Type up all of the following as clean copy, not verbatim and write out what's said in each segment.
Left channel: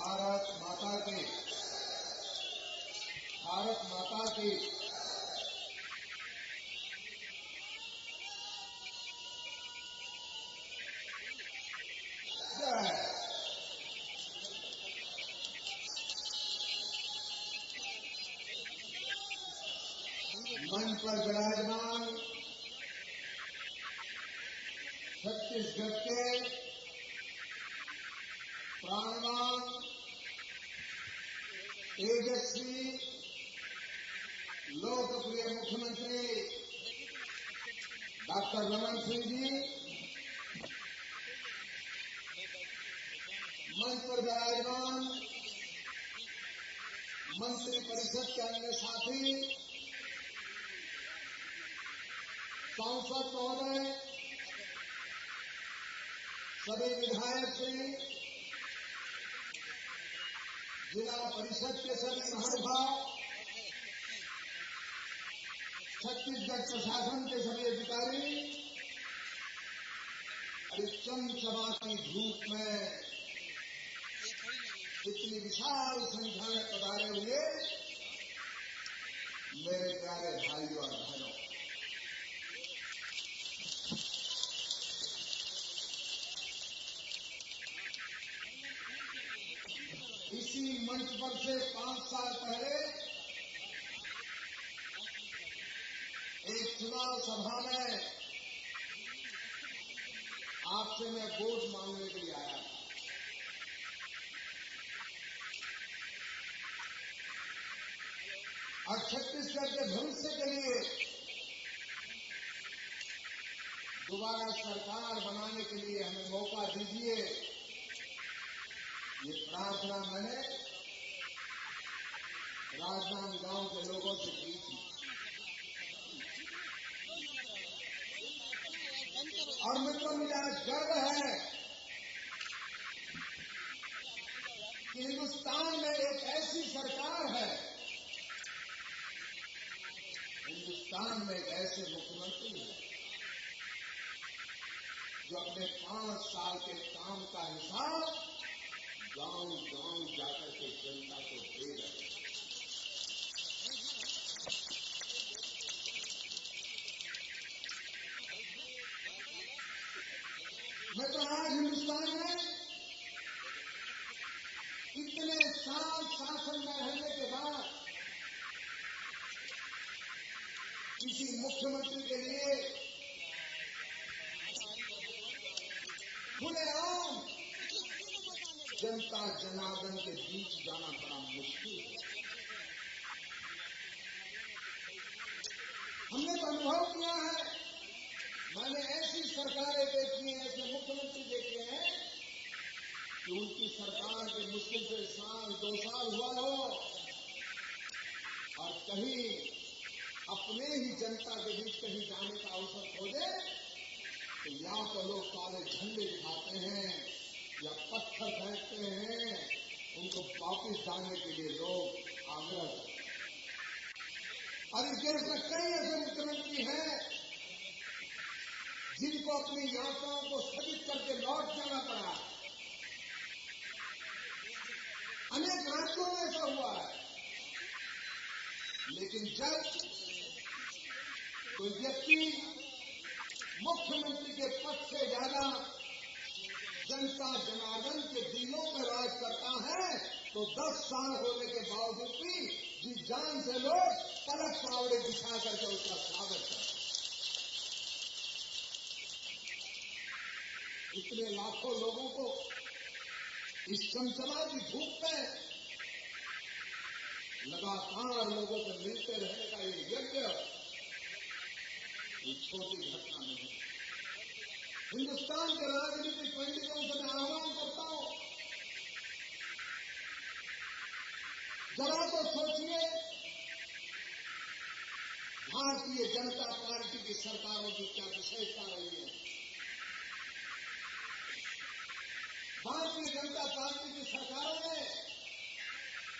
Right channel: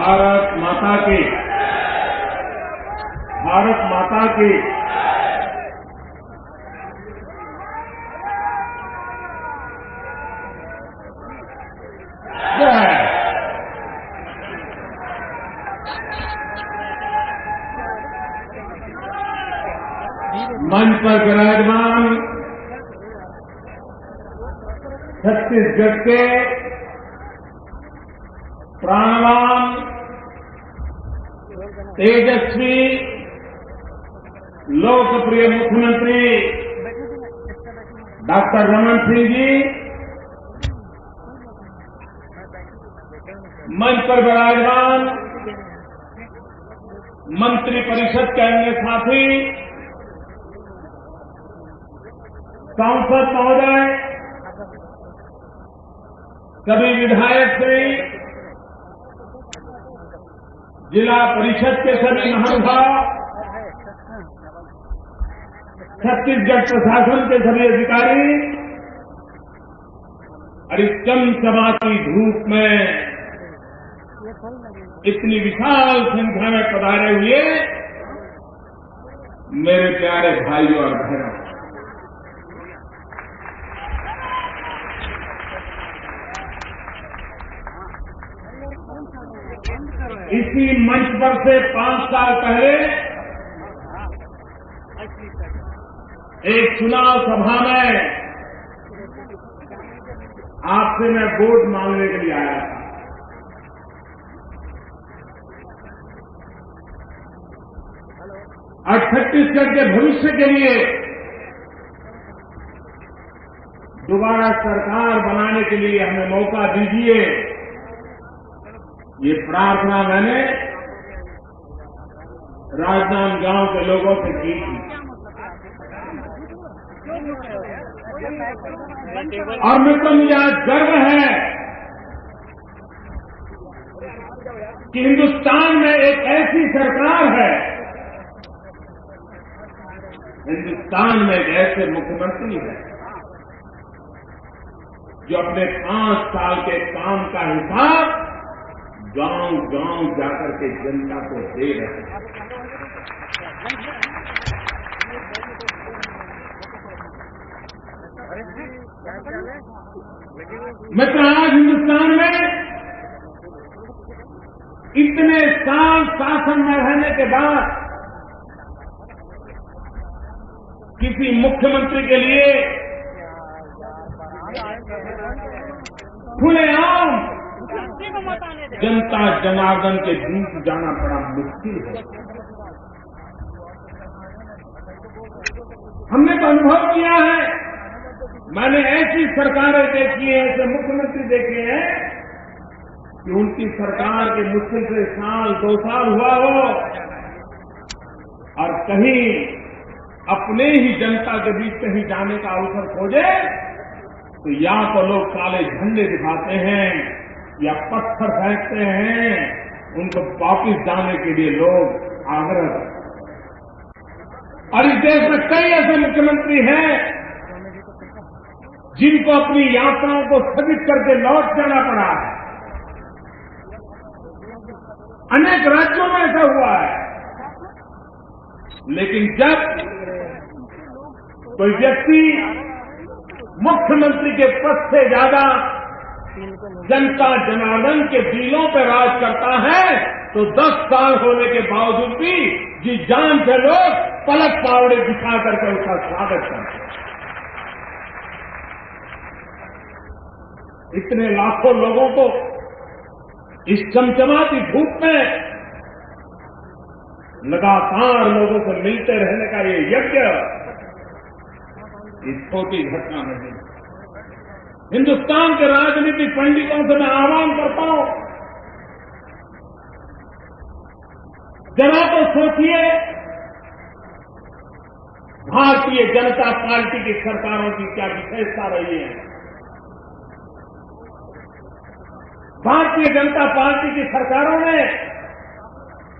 भारत माता की, भारत माता की। मंच पर विराजमान छत्तीसगढ़ के प्राणवान, तेजस्वी, लोकप्रिय मुख्यमंत्री डॉक्टर रमन सिंह जी, मंच पर विराजमान मंत्री परिषद के अन्य साथी, सांसद महोदय, सभी विधायक श्री, जिला परिषद के सभी महानुभाव, छत्तीसगढ़ प्रशासन के सभी अधिकारी और इस चमचमाती धूप में इतनी विशाल संख्या में पधारे हुए मेरे प्यारे भाइयों और बहनों, इसी मंच पर से 5 साल पहले एक चुनाव सभा में आपसे मैं वोट मांगने के लिए आया था। और छत्तीसगढ़ के भविष्य के लिए दोबारा सरकार बनाने के लिए हमें मौका दीजिए, ये प्रार्थना मैंने राजनांदगांव के लोगों से की थी। और मित्रों, मुझे आज गर्व है कि हिंदुस्तान में एक ऐसी सरकार है, हिंदुस्तान में एक ऐसे मुख्यमंत्री है जो अपने 5 साल के काम का हिसाब गांव-गांव जाकर के जनता को दे रहे हैं। मित्र, आज हिंदुस्तान में इतने साल शासन में रहने के बाद किसी मुख्यमंत्री के लिए खुलेआम जनता जनार्दन के बीच जाना बड़ा मुश्किल है। हमने तो अनुभव किया है, मैंने ऐसी सरकारें देखी हैं, ऐसे मुख्यमंत्री देखे हैं कि उनकी सरकार के मुश्किल से 1-2 साल हुआ हो और कहीं अपने ही जनता के बीच कहीं जाने का अवसर खोजे तो या तो लोग काले झंडे दिखाते हैं या पत्थर फेंकते हैं, उनको वापिस जाने के लिए लोग आग्रह करते हैं। और इस देश में कई ऐसे मुख्यमंत्री हैं जिनको अपनी यात्राओं को स्थगित करके लौट जाना पड़ा है। अनेक राज्यों में ऐसा हुआ है। लेकिन जब कोई व्यक्ति मुख्यमंत्री के पद से ज्यादा जनता जनार्दन के दिलों पर राज करता है तो 10 साल होने के बावजूद भी जी जान से लोग पलक पावड़े बिछा करके उसका स्वागत करते हैं। इतने लाखों लोगों को इस चमचमाती धूप में लगातार लोगों से मिलते रहने का ये यज्ञ, ये छोटी घटना नहीं है। हिंदुस्तान के राजनीतिक पंडितों से मैं आह्वान करता हूं, जरा तो सोचिए, भारतीय जनता पार्टी की सरकारों की क्या विशेषता रही है। भारतीय जनता पार्टी की सरकारों ने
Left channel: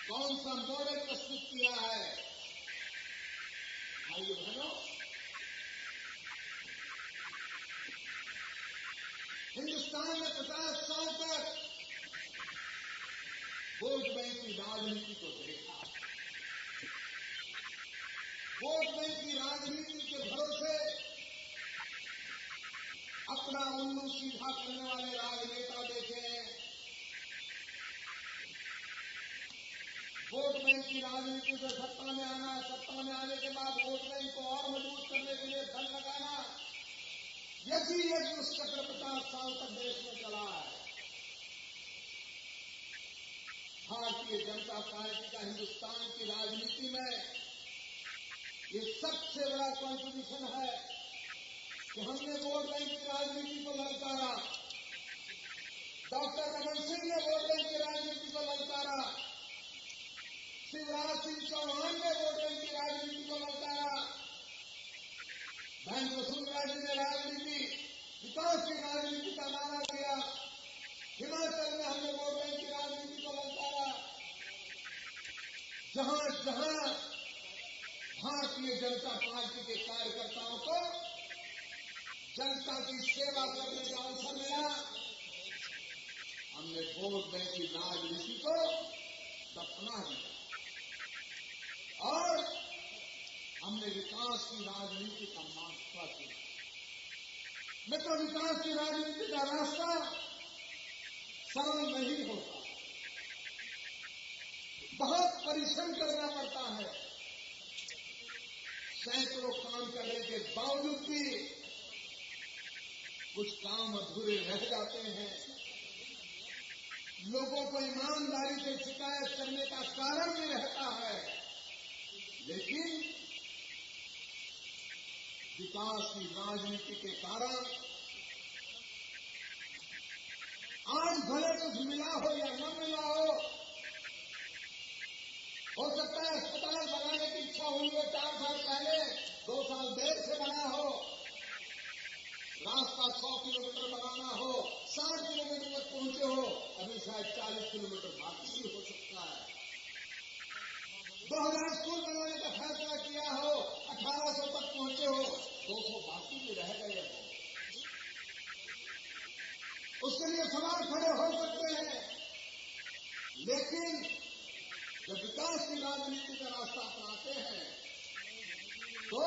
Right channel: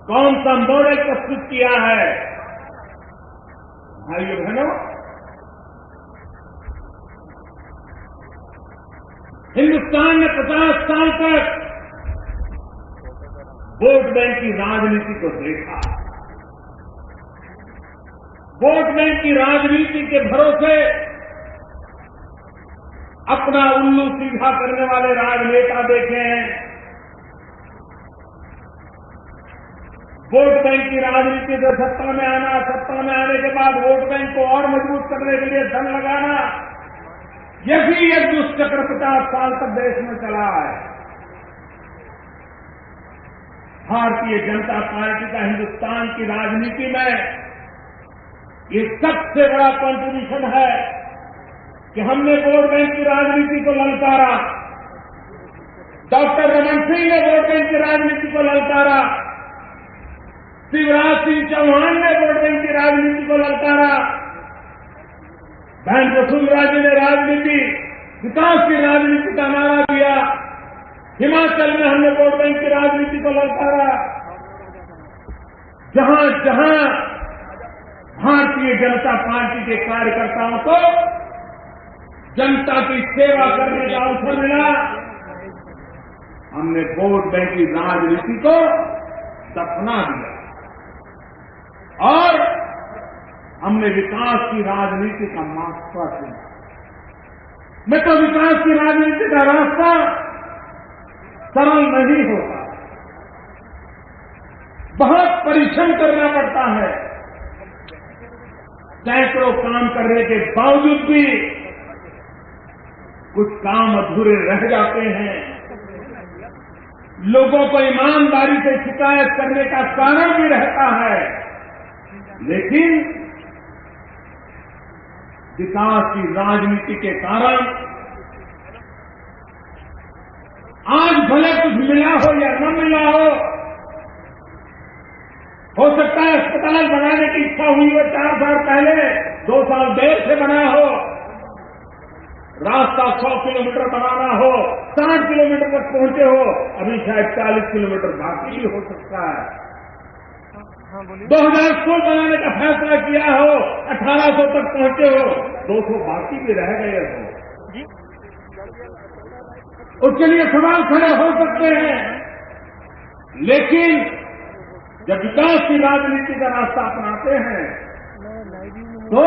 कौन सा मॉडल प्रस्तुत किया है। भाइयों बहनों, हिंदुस्तान ने 50 साल तक वोट बैंक की राजनीति को देखा। वोट बैंक की राजनीति के भरोसे अपना उल्लू सीधा करने वाले राजनेता देखे हैं। वोट बैंक की राजनीति से सत्ता में आना, सत्ता में आने के बाद वोट बैंक को और मजबूत करने के लिए धन लगाना, यही एक दुष्चक्र 50 साल तक देश में चला है। भारतीय जनता पार्टी का हिंदुस्तान की राजनीति में ये सबसे बड़ा कंट्रीब्यूशन है कि हमने वोट बैंक की राजनीति को ललकारा। डॉक्टर रमन सिंह ने वोट बैंक की राजनीति को ललकारा। शिवराज सिंह चौहान ने वोट बैंक की राजनीति को ललकारा। बहन वसुंधरा जी ने राजनीति, विकास की राजनीति का नारा दिया। हिमाचल में हमने वोट बैंक की राजनीति को ललकारा। जहां जहां भारतीय जनता पार्टी के कार्यकर्ताओं को जनता की सेवा करने का अवसर मिला, हमने वोट बैंक की राजनीति को दफना दिया और हमने विकास की राजनीति का महत्व दिया। मैं तो विकास की राजनीति का रास्ता सरल नहीं होता, बहुत परिश्रम करना पड़ता है। सैकड़ों काम करने के बावजूद भी कुछ काम अधूरे रह जाते हैं। लोगों को ईमानदारी से शिकायत करने का कारण भी रहता है, लेकिन विकास की राजनीति के कारण आज भले कुछ मिला हो या न मिला हो सकता है अस्पताल बनाने की इच्छा हुई हो 4 साल पहले, 2 साल देर से बना हो, रास्ता 100 किलोमीटर बनाना हो, 60 किलोमीटर तक पहुंचे हो, अभी शायद 40 किलोमीटर बाकी भी हो सकता है। 2000 स्कूल बनाने का फैसला किया हो, 1800 तक पहुंचे हो, 200 बाकी भी रह गए हो। उसके लिए सवाल खड़े हो सकते हैं, लेकिन जब विकास की राजनीति का रास्ता अपनाते हैं तो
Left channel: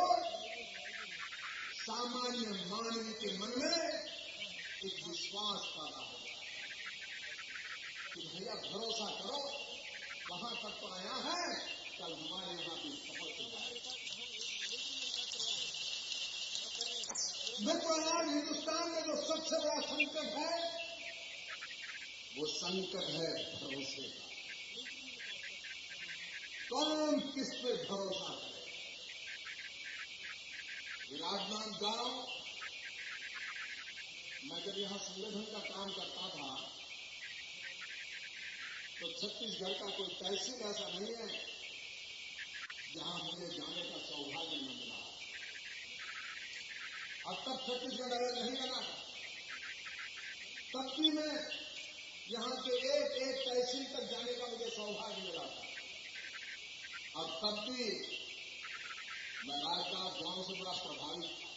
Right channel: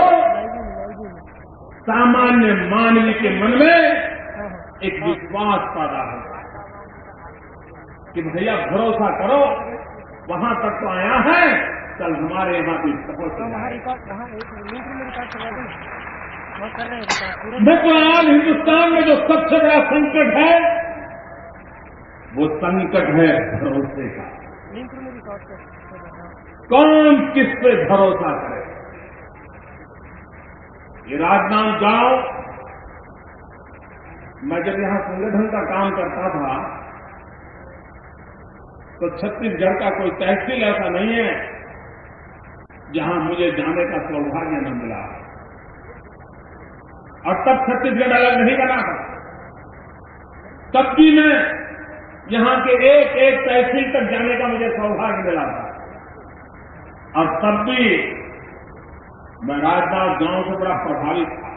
सामान्य मानवीय के मन में एक विश्वास पैदा होता है कि भैया भरोसा करो, वहां तक तो आया है, कल हमारे यहां भी पहुंच देखो। आज हिंदुस्तान में जो सबसे बड़ा संकट है वो संकट है भरोसे का। कौन किस पे भरोसा करे। ये राजनांदगांव, मैं जब यहां संगठन का काम करता था तो छत्तीसगढ़ का कोई तहसील ऐसा नहीं है जहां मुझे जाने का सौभाग्य न मिला। और तब छत्तीसगढ़ अलग नहीं बना था, तब भी मैं यहां के एक एक तहसील तक जाने का मुझे सौभाग्य मिला था। और तब भी मैं राजनांदगांव से बड़ा प्रभावित था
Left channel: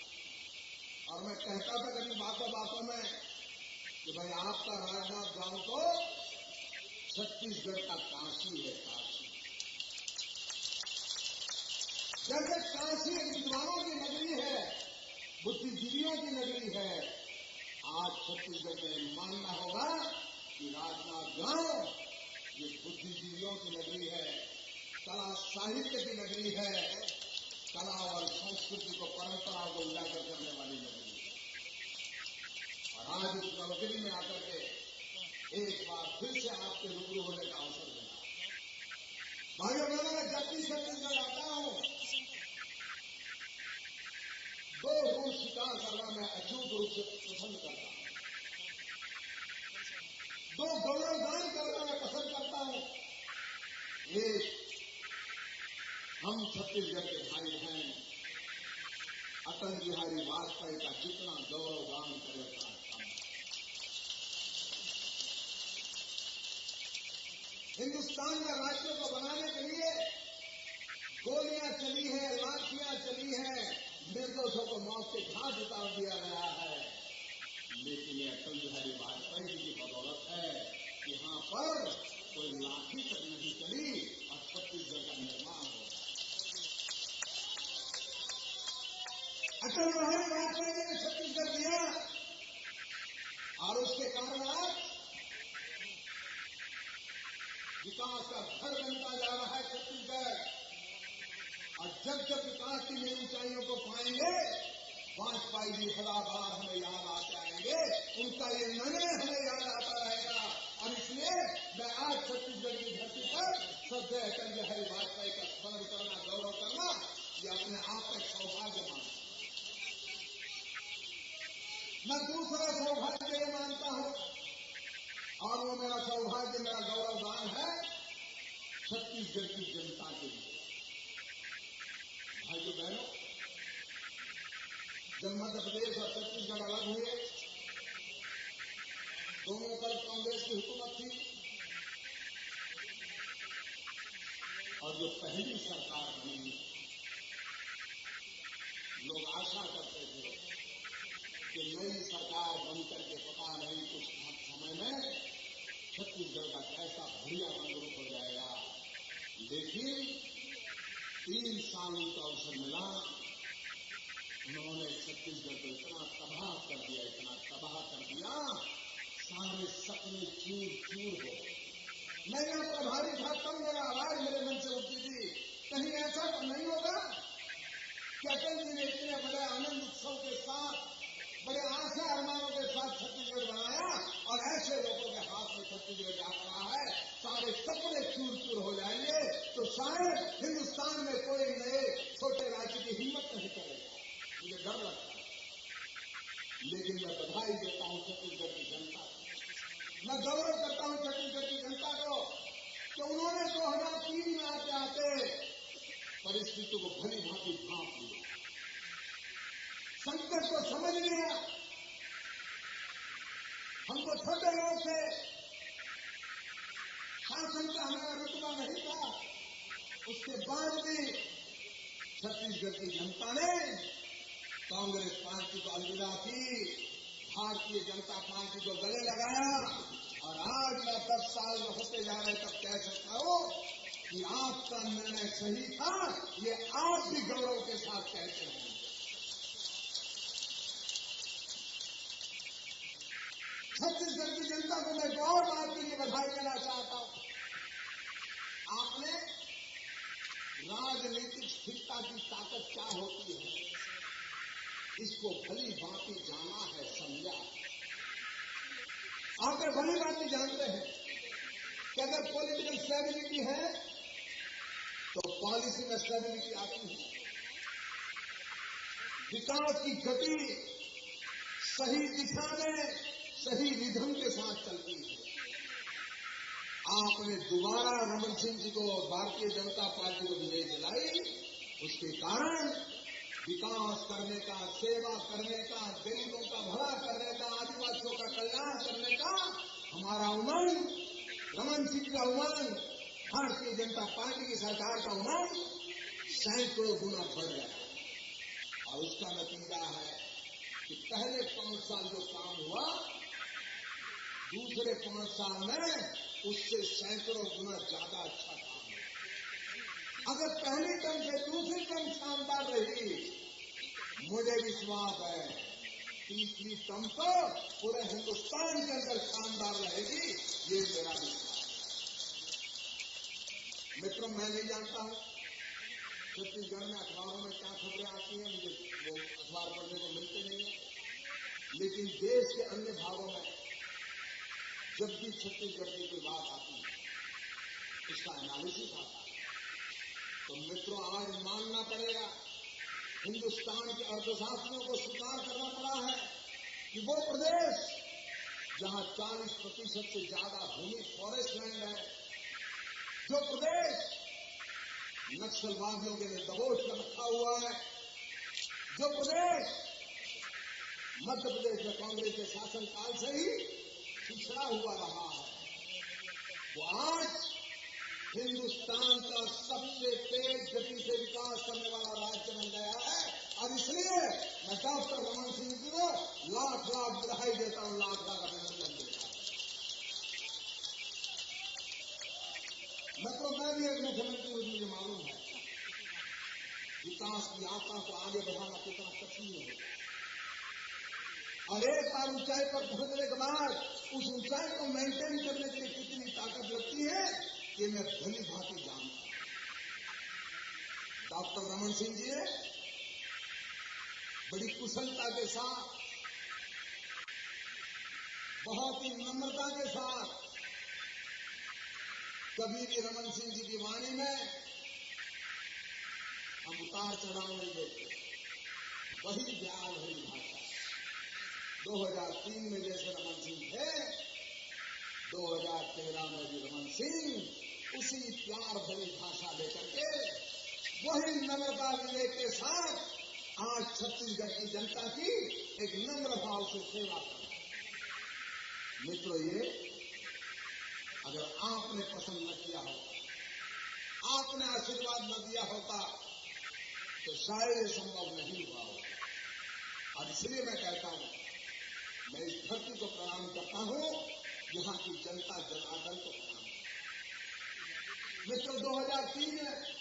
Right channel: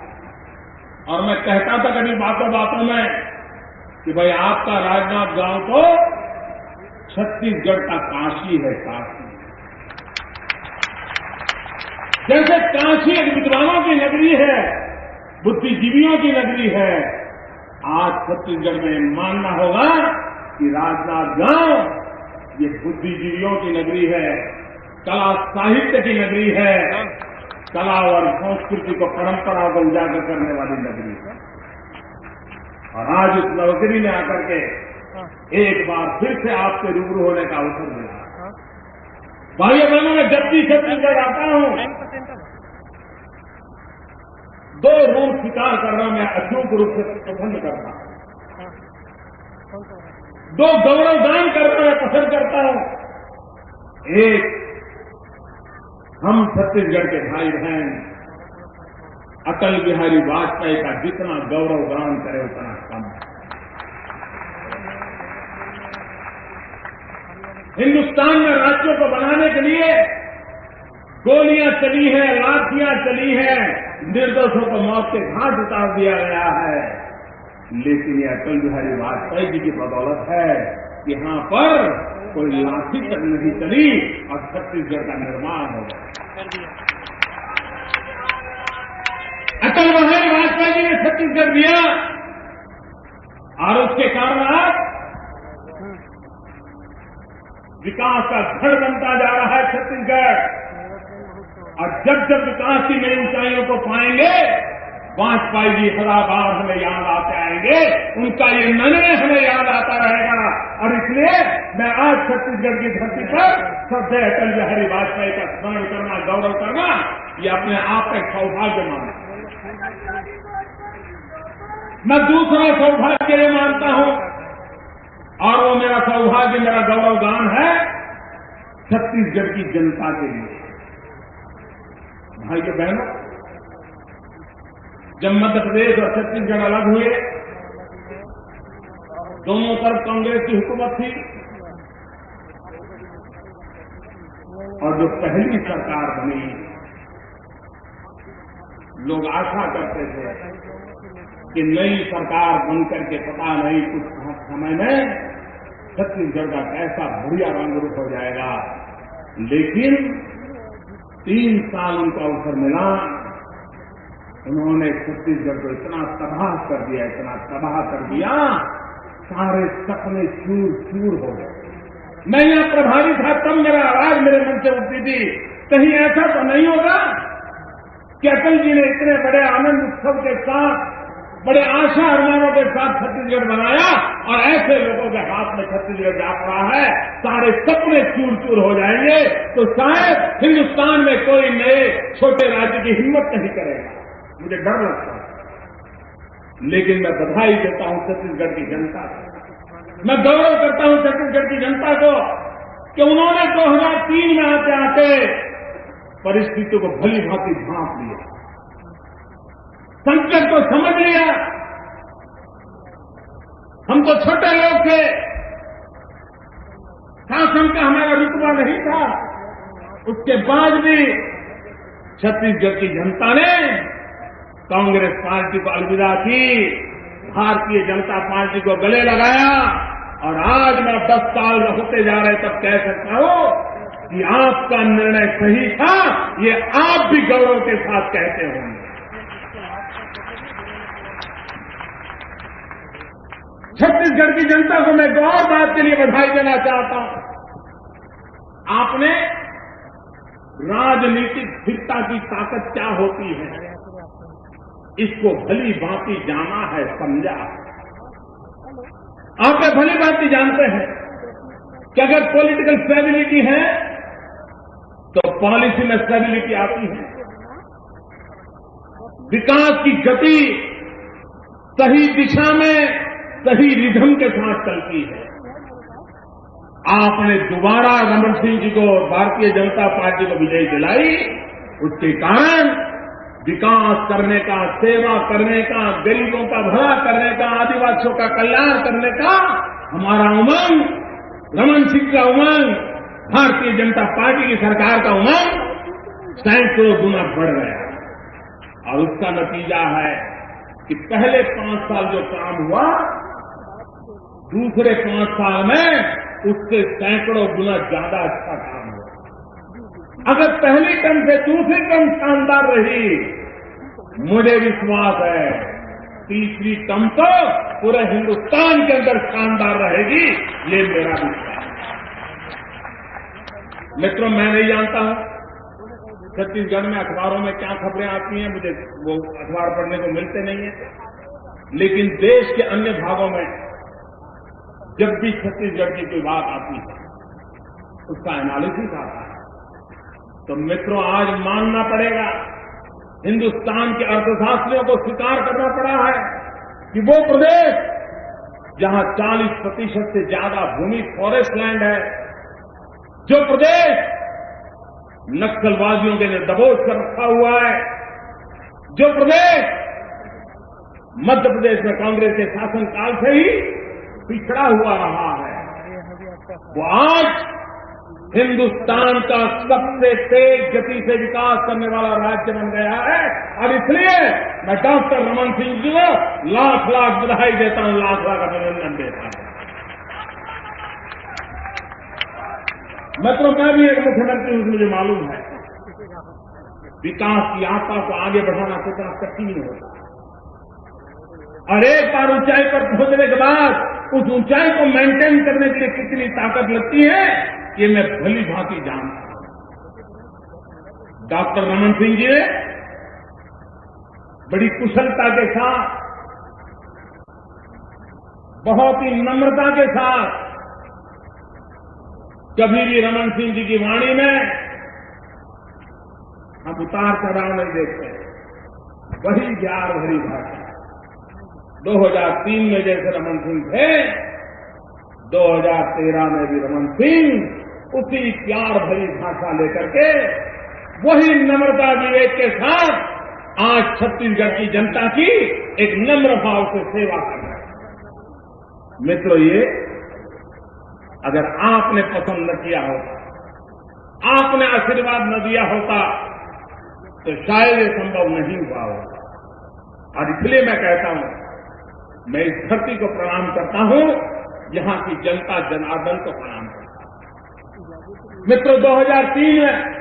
और मैं कहता था कभी बातों बातों में कि भाई आपका राजनांदगांव तो छत्तीसगढ़ का काशी है, काशी। जैसे काशी एक विद्वानों की नगरी है, बुद्धिजीवियों की नगरी है, आज छत्तीसगढ़ में मानना होगा कि राजनांदगांव ये बुद्धिजीवियों की नगरी है, कला साहित्य की नगरी है, कला और संस्कृति को, परंपरा को उजागर करने वाली नगरी है। और आज उस नगरी में आकर के एक बार फिर से आपके रूबरू होने का अवसर मिला। भाइयों बहनों, मैं जब भी छत्तीसगढ़ आता हूं 2 रूप स्वीकार करना मैं अचूक रूप से पसंद करता हूं, 2 गौरवगान करना मैं पसंद करता हूं। एक, हम छत्तीसगढ़ के भाई बहन अटल बिहारी वाजपेयी का जितना गौरवगान करे उतना कम। हिंदुस्तान में राज्यों को बनाने के लिए गोलियां चली हैं, लाठियां चली हैं, निर्दोषों को मौत के घाट उतार दिया गया है, लेकिन ये अटल बिहारी वाजपेयी जी की बदौलत है कि यहां पर कोई लाठी तक नहीं चली और छत्तीसगढ़ का निर्माण होगा। अटल बिहारी वाजपेयी जी ने छत्तीसगढ़ दिया और उसके कारण आज विकास का गढ़ बनता जा रहा है छत्तीसगढ़। और जब जब विकास की नई ऊंचाइयों को पाएंगे, वाजपेयी जी हरा बार हमें याद आते आएंगे, उनका ये निर्णय हमें याद आता रहेगा। और इसलिए मैं आज छत्तीसगढ़ की धरती पर श्रद्धेय अटल बिहारी वाजपेयी का स्मरण करना, गौरव करना, ये अपने आप का एक सौभाग्य मानता हूं। मैं दूसरा सौभाग्य ये मानता हूं, और वो मेरा सौभाग्य, मेरा गौरवगान है छत्तीसगढ़ की जनता के लिए। भाइयों बहनों, जब मध्य प्रदेश और छत्तीसगढ़ अलग हुए, दोनों तरफ कांग्रेस की हुकूमत थी, और जो पहली सरकार बनी, लोग आशा करते थे कि नई सरकार बनकर के पता नहीं कुछ समय में छत्तीसगढ़ का कैसा बढ़िया रंग रूप हो जाएगा। लेकिन 3 साल उनको अवसर मिला, उन्होंने छत्तीसगढ़ को इतना तबाह कर दिया, इतना तबाह कर दिया, सारे सपने चूर चूर हो गए। मैं यहां प्रभारी था, तब मेरा आवाज मेरे मन से उठती थी, कहीं ऐसा तो नहीं होगा कि अटल जी ने इतने बड़े आनंद उत्सव के साथ, बड़े आशा अरमानों के साथ छत्तीसगढ़ बनाया, और ऐसे लोगों के हाथ में छत्तीसगढ़ जा पड़ा है, सारे सपने चूर चूर हो जाएंगे, तो शायद हिंदुस्तान में कोई नए छोटे राज्य की हिम्मत नहीं करेगा। मुझे डर लगता है। लेकिन मैं बधाई देता हूं छत्तीसगढ़ की जनता को, मैं गौरव करता हूं छत्तीसगढ़ की जनता को कि उन्होंने 2003 में आते आते परिस्थितियों को भली भांति भांप लिया, संकट को समझ लिया। हम तो छोटे लोग थे, शासन का हमारा रुतबा नहीं था, उसके बाद भी छत्तीसगढ़ की जनता ने कांग्रेस पार्टी को अलविदा की, भारतीय जनता पार्टी को गले लगाया, और आज मैं 10 साल होते जा रहे तब कह सकता हूं कि आपका निर्णय सही था, ये आप भी गौरव के साथ कहते होंगे। छत्तीसगढ़ की जनता को मैं एक और बात के लिए बधाई देना चाहता हूं। आपने राजनीतिक स्थिरता की ताकत क्या होती है, इसको भली भांति जाना है, समझा है। आप भली भांति जानते हैं कि अगर पॉलिटिकल स्टेबिलिटी है तो पॉलिसी में स्टेबिलिटी आती है, विकास की गति सही दिशा में सही रिधम के साथ चलती है। आपने दोबारा रमन सिंह जी को, भारतीय जनता पार्टी को विजयी दिलाई, उसके कारण विकास करने का, सेवा करने का, गरीबों का भला करने का, आदिवासियों का कल्याण करने का हमारा उमंग, रमन सिंह का उमंग, भारतीय जनता पार्टी की सरकार का उमंग सैकड़ों गुना बढ़ गया। और उसका नतीजा है कि पहले 5 साल जो काम हुआ, दूसरे 5 साल में उससे सैकड़ों गुना ज्यादा अच्छा काम हुआ। अगर पहली टर्म से दूसरी टर्म शानदार रही, मुझे विश्वास है तीसरी टर्म तो पूरे हिंदुस्तान के अंदर शानदार रहेगी, ये मेरा विश्वास है। मित्रों, मैं नहीं जानता हूं छत्तीसगढ़ में अखबारों में क्या खबरें आती हैं, मुझे वो अखबार पढ़ने को मिलते नहीं है, लेकिन देश के अन्य भागों में जब भी छत्तीसगढ़ की कोई बात आती है, उसका एनालिसिस आता है। तो मित्रों, आज मानना पड़ेगा, हिंदुस्तान के अर्थशास्त्रियों को स्वीकार करना पड़ा है कि वो प्रदेश जहां 40% से ज्यादा भूमि फॉरेस्ट लैंड है, जो प्रदेश नक्सलवादियों के लिए दबोच कर रखा हुआ है, जो प्रदेश मध्य प्रदेश में कांग्रेस के शासनकाल से ही पिछड़ा हुआ रहा है, वो आज हिंदुस्तान का सबसे तेज गति से विकास करने वाला राज्य बन गया है। और इसलिए मैं डॉक्टर रमन सिंह जी को लाख लाख बधाई देता हूं, लाख लाख अभिनंदन देता हूं। मतलब मैं भी एक मुख्यमंत्री हूं, मुझे मालूम है विकास की यात्रा को आगे बढ़ाना कितना कठिन होता है, और एक बार ऊंचाई पर पहुंचने के बाद उस ऊंचाई को मेंटेन करने के लिए कितनी ताकत लगती है, ये मैं भली भांति जानता हूं। डॉक्टर रमन सिंह जी ने बड़ी कुशलता के साथ, बहुत ही नम्रता के साथ, कभी भी रमन सिंह जी की वाणी में हम उतार चढ़ाव नहीं देखते, वही प्यार भरी भाषा। 2003 में जैसे रमन सिंह थे, 2013 में भी रमन सिंह उसी प्यार भरी भाषा लेकर के, वही नम्रता विवेक के साथ आज छत्तीसगढ़ की जनता की एक नम्र भाव से सेवा कर रहे हैं। मित्रों, ये अगर आपने पसंद न किया होता, आपने आशीर्वाद न दिया होता, तो शायद ये संभव नहीं हुआ होता। और इसलिए मैं कहता हूं, मैं इस धरती को प्रणाम करता हूं, यहां की जनता जनार्दन को प्रणाम करता हूं। मित्रों, 2003 में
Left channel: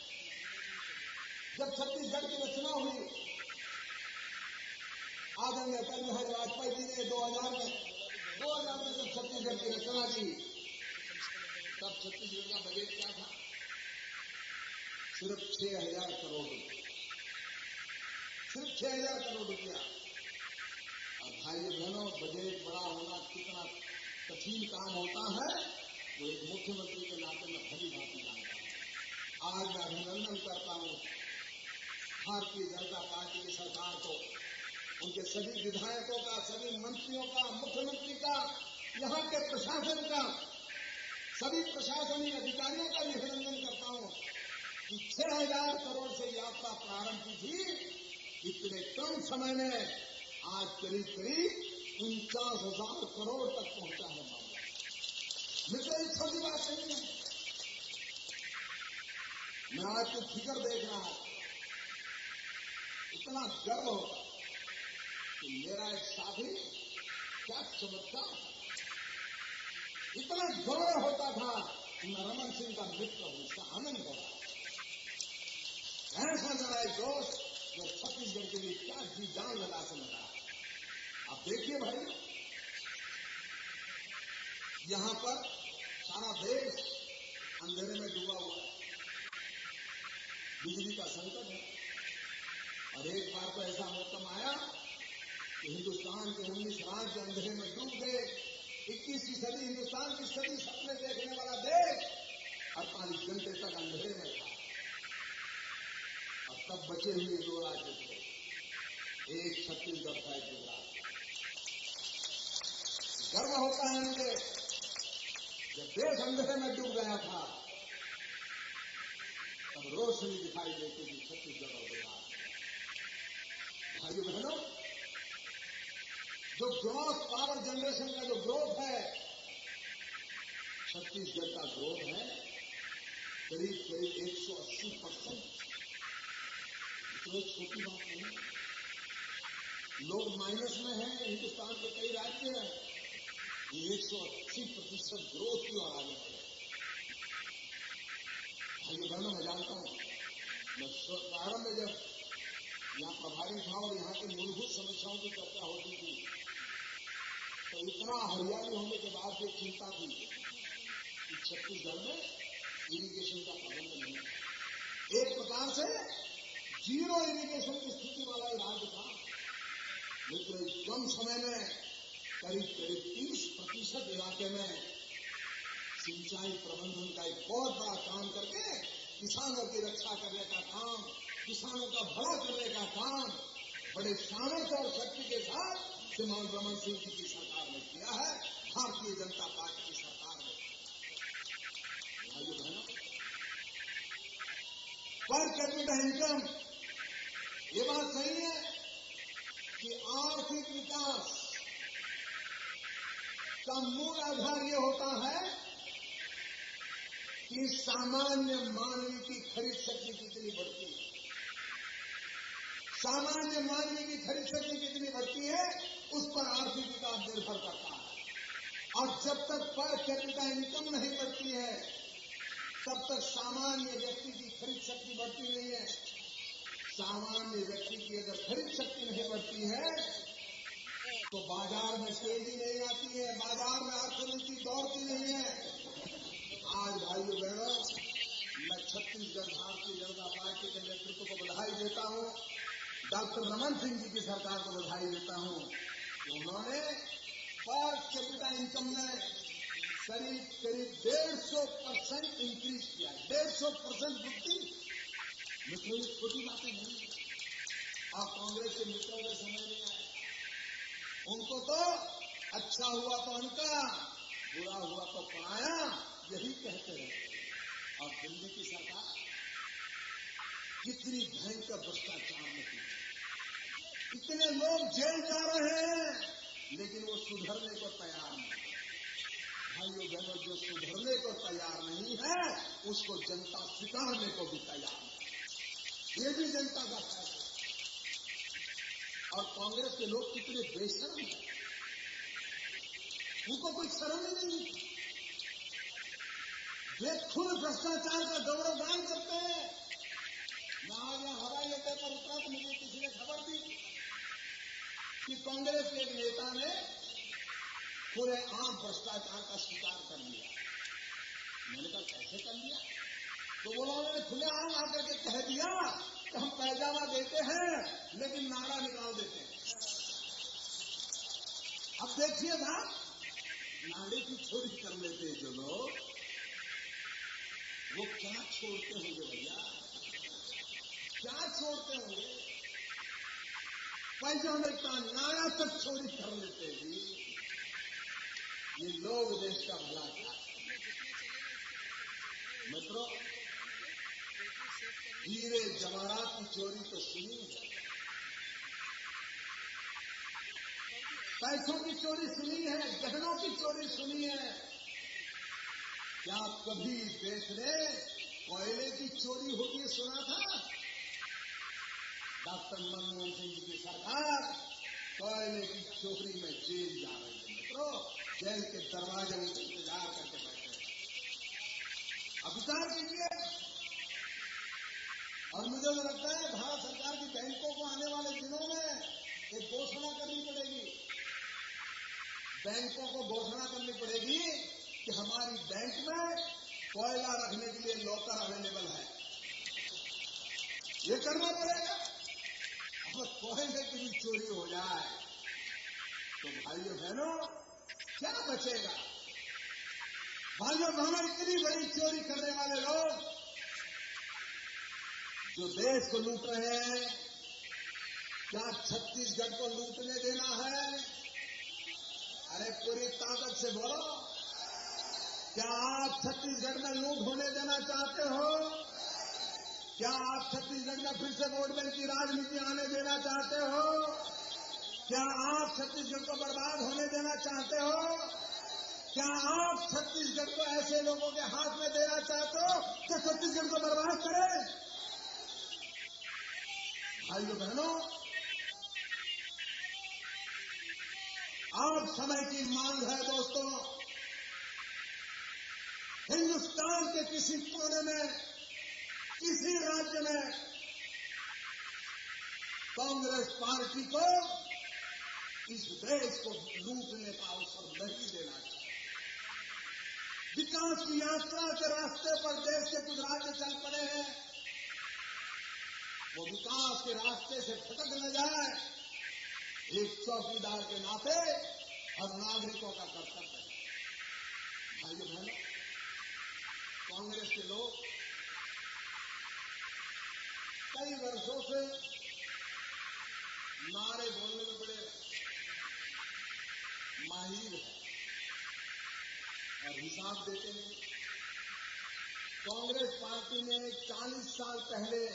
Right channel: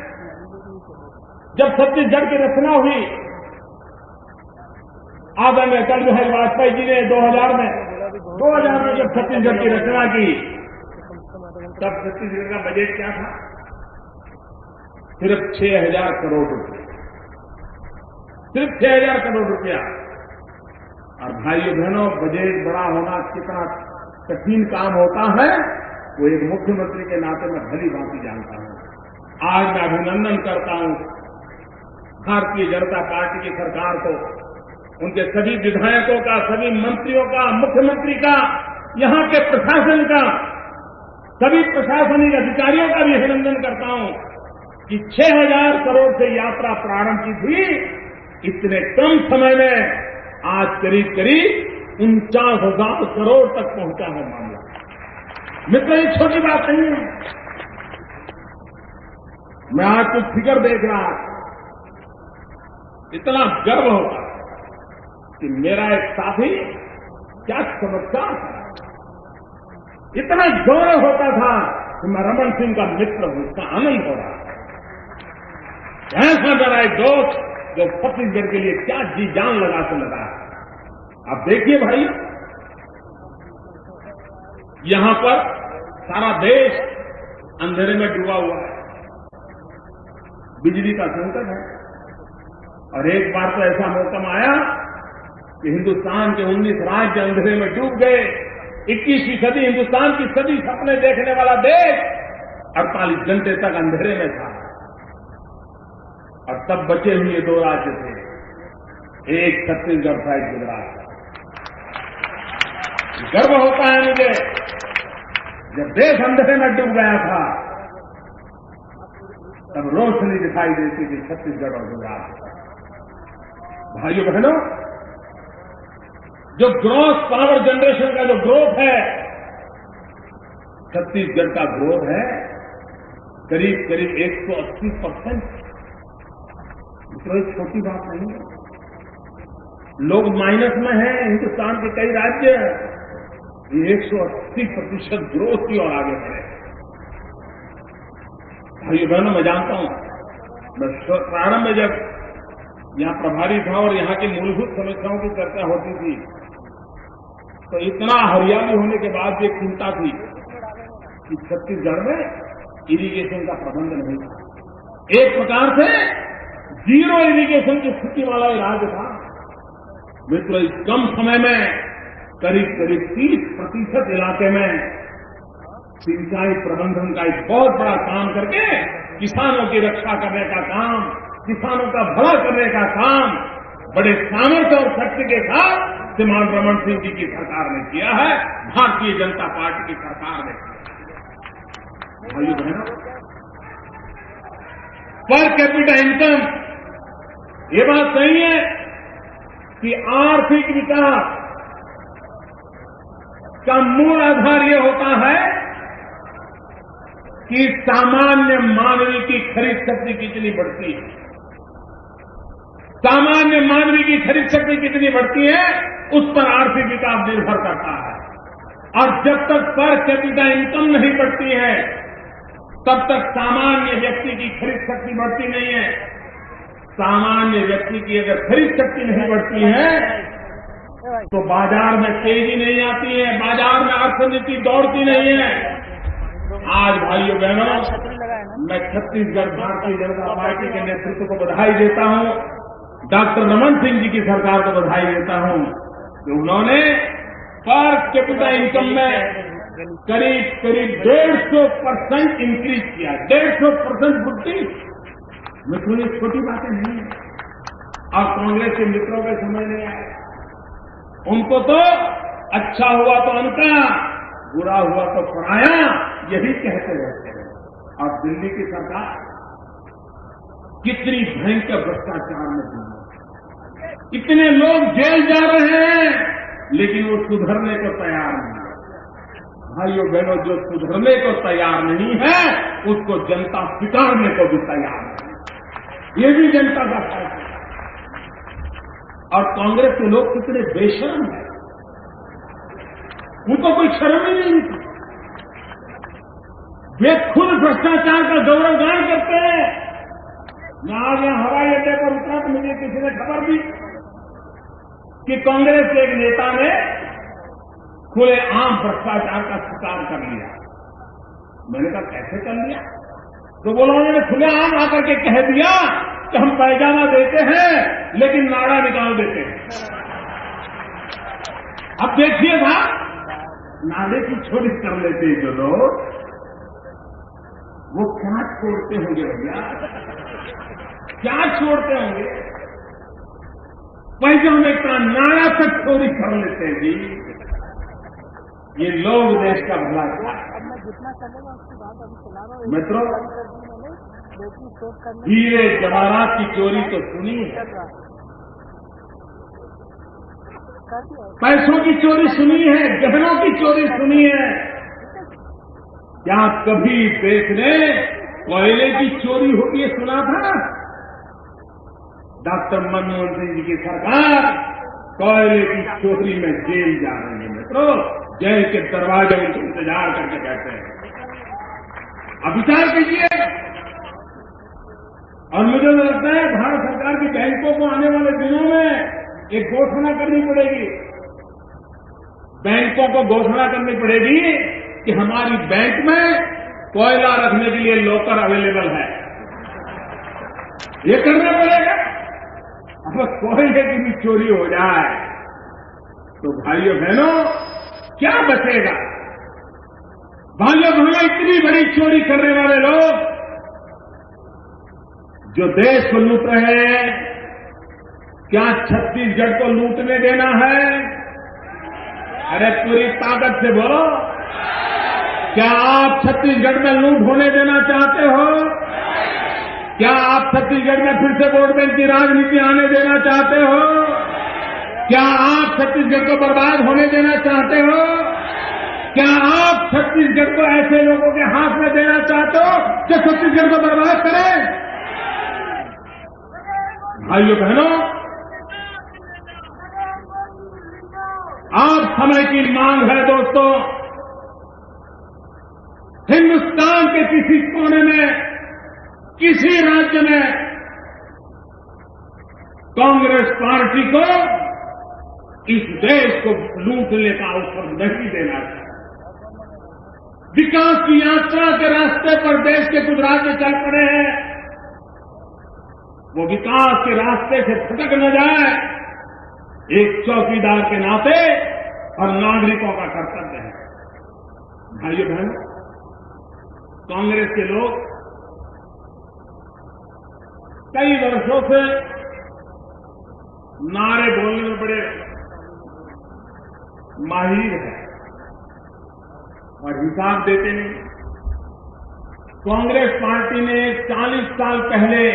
जब छत्तीसगढ़ की रचना हुई, आदरणीय अटल बिहारी वाजपेयी जी ने 2000 में जब छत्तीसगढ़ की रचना की, तब छत्तीसगढ़ का बजट क्या था? सिर्फ 6,000 करोड़ रुपए, सिर्फ 6,000 करोड़ रुपया। और भाइयों बहनों, बजट बड़ा होना कितना कठिन काम होता है, वो एक मुख्यमंत्री के नाते मैं भली भांति जानता हूं। आज मैं अभिनंदन करता हूं भारतीय जनता पार्टी की सरकार को, उनके सभी विधायकों का, सभी मंत्रियों का, मुख्यमंत्री का, यहां के प्रशासन का, सभी प्रशासनिक अधिकारियों का भी अभिनंदन करता हूं कि 6,000 करोड़ से यात्रा प्रारंभ की थी, इतने कम समय में आज करीब करीब 49,000 करोड़ तक पहुंचा है मामला। मित्रों, ये छोटी बात नहीं है। मैं आज कुछ फिगर देख रहा, इतना गर्व होता कि मेरा एक साथी, क्या चमत्कार था, इतना गौरव होता था कि मैं रमन सिंह का मित्र हूं, इसका आनंद हो रहा था। ऐसा मेरा एक दोस्त जो छत्तीसगढ़ के लिए क्या जी जान लगा से लगा। आप देखिए भाई, यहां पर सारा देश अंधेरे में डूबा हुआ है, बिजली का संकट है, और एक बार तो ऐसा मौका आया कि हिंदुस्तान के 19 राज्य अंधेरे में डूब गए। 21वीं सदी, हिंदुस्तान की सदी, सपने देखने वाला देश 48 घंटे तक अंधेरे में था, और तब बचे हुए 2 राज्य थे, एक छत्तीसगढ़ था, एक गुजरात था। गर्व होता है मुझे, जब देश अंधेरे में डूब गया था, तब रोशनी दिखाई देती थी छत्तीसगढ़ और गुजरात। भाइयों बहनों, जो ग्रॉस पावर जनरेशन का जो ग्रोथ है, छत्तीसगढ़ का ग्रोथ है करीब करीब 180%। मित्रों, ये छोटी बात नहीं है। लोग माइनस में हैं, हिंदुस्तान के कई राज्य, ये 180% ग्रोथ की ओर आगे बढ़े। भाइयों बहनों, मैं जानता हूं, मैं प्रारंभ में जब यहां प्रभारी था और यहां की मूलभूत समस्याओं की चर्चा होती थी, तो इतना हरियाली होने के बाद भी एक चिंता थी कि छत्तीसगढ़ में इरिगेशन का प्रबंध नहीं था। एक प्रकार से जीरो इरिगेशन की स्थिति वाला ये राज्य था। मित्रों, कम समय में करीब करीब 30% इलाके में सिंचाई प्रबंधन का एक बहुत बड़ा काम करके किसानों की रक्षा करने का काम, किसानों का भला करने का काम बड़े सामर्थ्य और शक्ति के साथ श्रीमान रमन सिंह जी की सरकार ने किया है, भारतीय जनता पार्टी की सरकार ने किया। भाइयों बहनों, पर कैपिटा इनकम, ये बात सही है कि आर्थिक विकास का मूल आधार यह होता है कि सामान्य मानवी की खरीद शक्ति कितनी बढ़ती है। सामान्य मानवी की खरीद शक्ति कितनी बढ़ती है, उस पर आर्थिक विकास निर्भर करता है। और जब तक पर कैपिटा इनकम नहीं बढ़ती है, तब तक सामान्य व्यक्ति की खरीद शक्ति बढ़ती नहीं है। सामान्य व्यक्ति की अगर खरीद शक्ति नहीं बढ़ती है तो बाजार में तेजी नहीं आती है, बाजार में अर्थनीति दौड़ती नहीं है। आज भाइयों बहनों, मैं छत्तीसगढ़ भारतीय जनता पार्टी के नेतृत्व को बधाई देता हूं, डॉक्टर रमन सिंह जी की सरकार को बधाई देता हूं कि उन्होंने पर कैपिटा इनकम में करीब 150% इंक्रीज किया। 150% वृद्धि। मित्रों, ये छोटी बातें नहीं है। और कांग्रेस के मित्रों के समझ नहीं आए। उनको तो अच्छा हुआ तो उनका, बुरा हुआ तो पराया, यही कहते रहते हैं। और दिल्ली की सरकार कितनी भयंकर भ्रष्टाचार में डूबी है। इतने लोग जेल जा रहे हैं लेकिन वो सुधरने को तैयार नहीं है। भाइयों बहनों, जो सुधरने को तैयार नहीं है उसको जनता स्वीकारने को भी तैयार नहीं। ये भी जनता का फैसला। और कांग्रेस के लोग कितने बेशर्म हैं, उनको कोई शर्म ही नहीं होती। वे खुद भ्रष्टाचार का गौरवगान करते हैं। मैं आज यहां हवाई अड्डे पर उतरा तो मुझे किसी ने खबर दी कि कांग्रेस के एक नेता ने खुलेआम भ्रष्टाचार का स्वीकार कर लिया। मैंने कहा कैसे कर लिया? तो बोला उन्होंने खुलेआम आकर के कह दिया कि हम पैजामा देते हैं लेकिन नाड़ा निकाल देते हैं। अब देखिए साहब, नाड़े की चोरी कर लेते हैं जो लोग, वो क्या छोड़ते होंगे भैया, क्या छोड़ते होंगे? पैजामे का नाड़ा तक चोरी कर लेते हैं जी। ये लोग देश का भला अब मैं जितना चलेगा उसके बाद अभी चला रहा हूँ। मित्रों, बैटरी सेव करने हीरे जवाहरात की चोरी तो सुनी है, पैसों की चोरी सुनी है, गहनों की चोरी सुनी है। क्या कभी देश ने कोयले की चोरी होगी ये सुना था? डॉक्टर मनमोहन सिंह जी की सरकार कोयले की चोरी में जेल जा रही है। मित्रों, जेल के दरवाजे में इंतजार करके बैठे हैं। अब विचार कीजिए। और मुझे तो लगता है भारत सरकार की बैंकों को आने वाले दिनों में एक घोषणा करनी पड़ेगी। बैंकों को घोषणा करनी पड़ेगी कि हमारी बैंक में कोयला रखने के लिए लॉकर अवेलेबल है। ये करना पड़ेगा। अब कोयले की भी चोरी हो जाए तो भाइयों बहनों क्या बचेगा? भाइयों बहनों, इतनी बड़ी चोरी करने वाले लोग जो देश को लूट रहे हैं, क्या छत्तीसगढ़ को लूटने देना है? अरे पूरी ताकत से बोलो, क्या आप छत्तीसगढ़ में लूट होने देना चाहते हो? क्या आप छत्तीसगढ़ में फिर से वोट बैंक की राजनीति आने देना चाहते हो? क्या आप छत्तीसगढ़ को बर्बाद होने देना चाहते हो? क्या आप छत्तीसगढ़ को ऐसे लोगों के हाथ में देना चाहते हो जो छत्तीसगढ़ को बर्बाद करें? भाइयों बहनों, आज समय की मांग है दोस्तों। हिंदुस्तान के किसी कोने में, किसी राज्य में कांग्रेस पार्टी को इस देश को लूटने का अवसर नहीं देना चाहिए। विकास की यात्रा के रास्ते पर देश के कुछ राज्य चल पड़े हैं, वो विकास के रास्ते से भटक न जाए, एक चौकीदार के नाते और नागरिकों का कर्तव्य है। भाइयों बहनों, कांग्रेस के लोग कई वर्षों से नारे बोलने में बड़े माहिर हैं और हिसाब देते नहीं। कांग्रेस पार्टी ने 40 साल पहले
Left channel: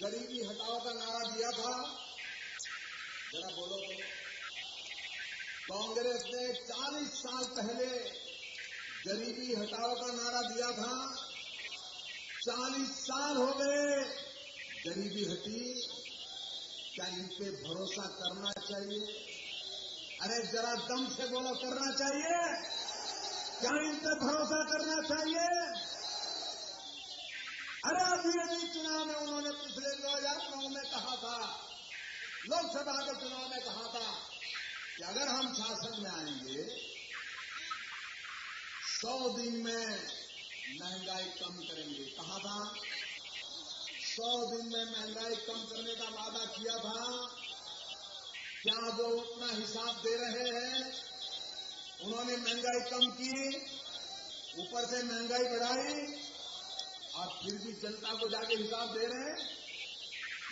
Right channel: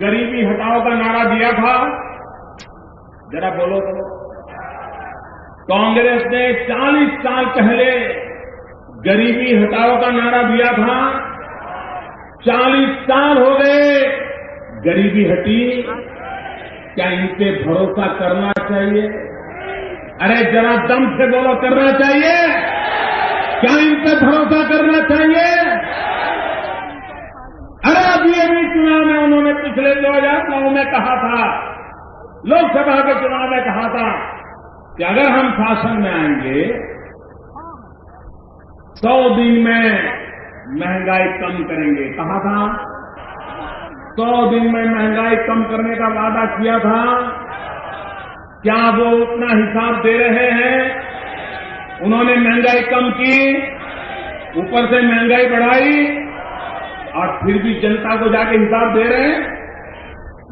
गरीबी हटाओ का नारा दिया था। जरा बोलो तो। कांग्रेस ने 40 साल पहले गरीबी हटाओ का नारा दिया था। 40 साल हो गए, गरीबी हटी? क्या इन पे भरोसा करना चाहिए? अरे जरा दम से बोलो, करना चाहिए? क्या इन पे भरोसा करना चाहिए? भी चुनाव में उन्होंने पिछले 2009 में कहा था, लोकसभा के चुनाव में कहा था कि अगर हम शासन में आएंगे 100 दिन में महंगाई कम करेंगे। कहा था 100 दिन में महंगाई कम करने का वादा किया था। क्या वो उतना हिसाब दे रहे हैं? उन्होंने महंगाई कम की, ऊपर से महंगाई बढ़ाई और फिर भी जनता को जाके हिसाब दे रहे हैं।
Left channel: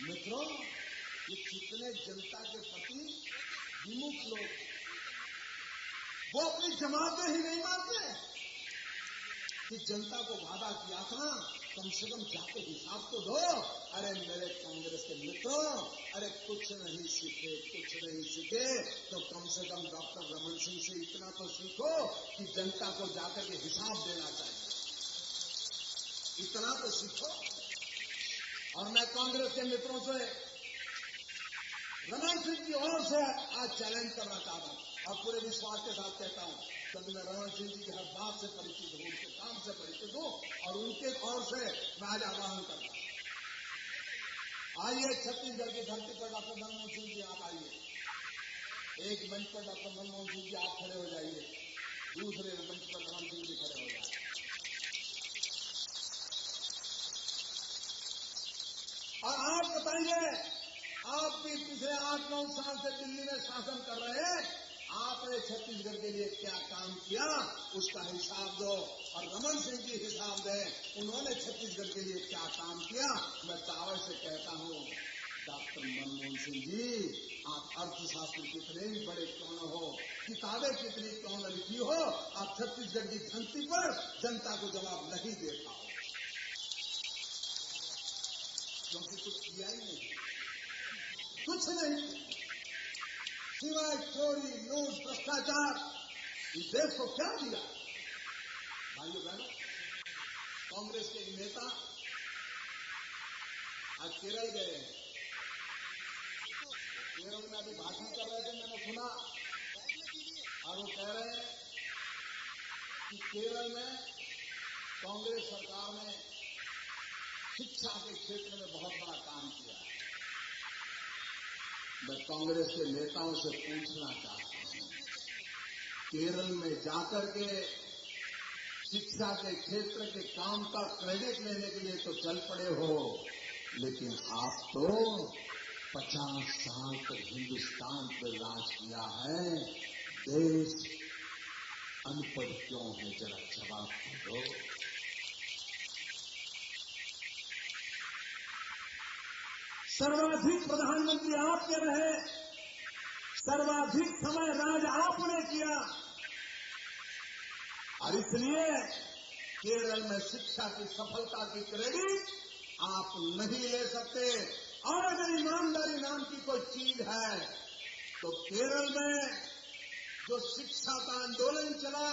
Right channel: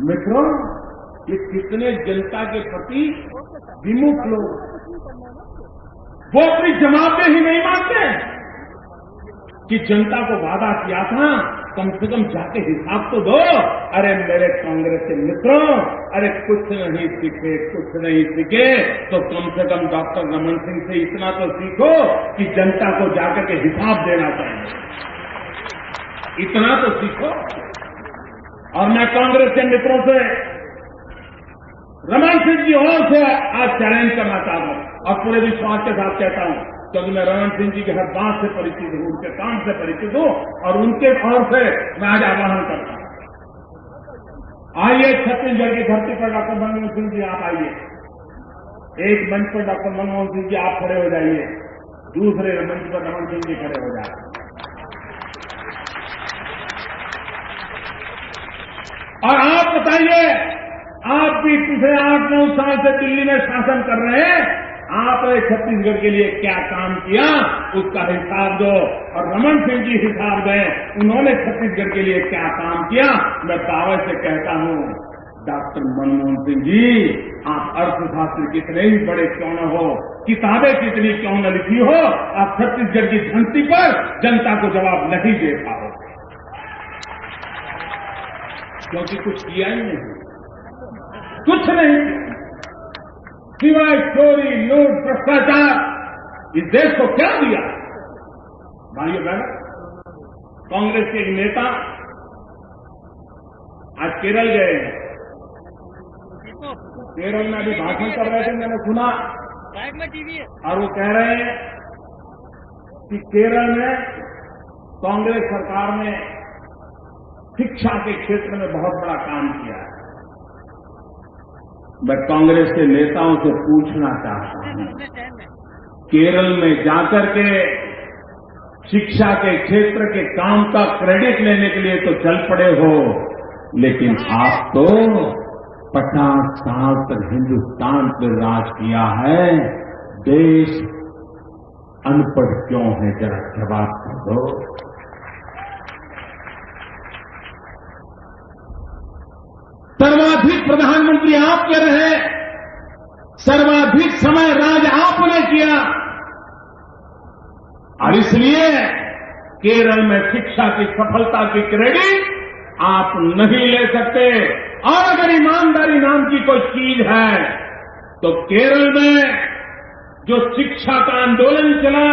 मित्रों, ये कितने जनता के प्रति विमुख लोग, वो अपनी जवाबदेही नहीं मानते कि जनता को वादा किया था, कम से कम जाके हिसाब तो दो। अरे मेरे कांग्रेस के मित्रों, अरे कुछ नहीं सीखे तो कम से कम डॉक्टर रमन सिंह से इतना तो सीखो कि जनता को जाकर के हिसाब देना चाहिए, इतना तो सीखो। और मैं कांग्रेस के मित्रों से, रमन सिंह जी और से आज चैलेंज करना चाहता हूं और पूरे विश्वास के साथ कहता हूं, क्योंकि मैं रमन सिंह जी के हर बात से परिचित हूं, उनके काम से परिचित हूं और उनके ओर से मैं आज आह्वान करता हूं। आइए छत्तीसगढ़ की धरती पर डॉक्टर मनमोहन सिंह जी आप आइए, एक मंच पर डॉक्टर मनमोहन सिंह जी आप खड़े हो जाइए, दूसरे मंच पर रमन सिंह जी खड़े हो जाए। और आप बताइए, आप भी पिछले 8-9 साल से दिल्ली में शासन कर रहे हैं, आपने छत्तीसगढ़ के लिए क्या काम किया उसका हिसाब दो। और रमन सिंह जी हिसाब दें, उन्होंने छत्तीसगढ़ के लिए क्या काम किया। मैं दावे से कहता हूं, डॉक्टर मनमोहन सिंह जी, आप अर्थशास्त्र कितने ही बड़े क्यों न हो, किताबें कितनी क्यों न लिखी हो, आप छत्तीसगढ़ की धरती पर जनता को जवाब नहीं दे पाओ, क्योंकि कुछ किया ही नहीं, कुछ नहीं सिवाय चोरी, लूट, भ्रष्टाचार। इस देश को क्या दिया? भाइयों बहनों, कांग्रेस के एक नेता आज केरल गए हैं, केरल में अभी भाषण कर रहे थे, मैंने सुना, और वो कह रहे हैं कि केरल में कांग्रेस सरकार ने शिक्षा के क्षेत्र में बहुत बड़ा काम किया है। मैं कांग्रेस के नेताओं से पूछना चाहता हूं, केरल में जाकर के शिक्षा के क्षेत्र के काम का क्रेडिट लेने के लिए तो चल पड़े हो, लेकिन आप तो 50 साल तक हिंदुस्तान पर राज किया है, देश अनपढ़ क्यों है? जरा जवाब दो। सर्वाधिक प्रधानमंत्री आप के रहे, सर्वाधिक समय राज आपने किया, और इसलिए केरल में शिक्षा की सफलता की क्रेडिट आप नहीं ले सकते। और अगर ईमानदारी नाम की कोई चीज है तो केरल में जो शिक्षा का आंदोलन चला,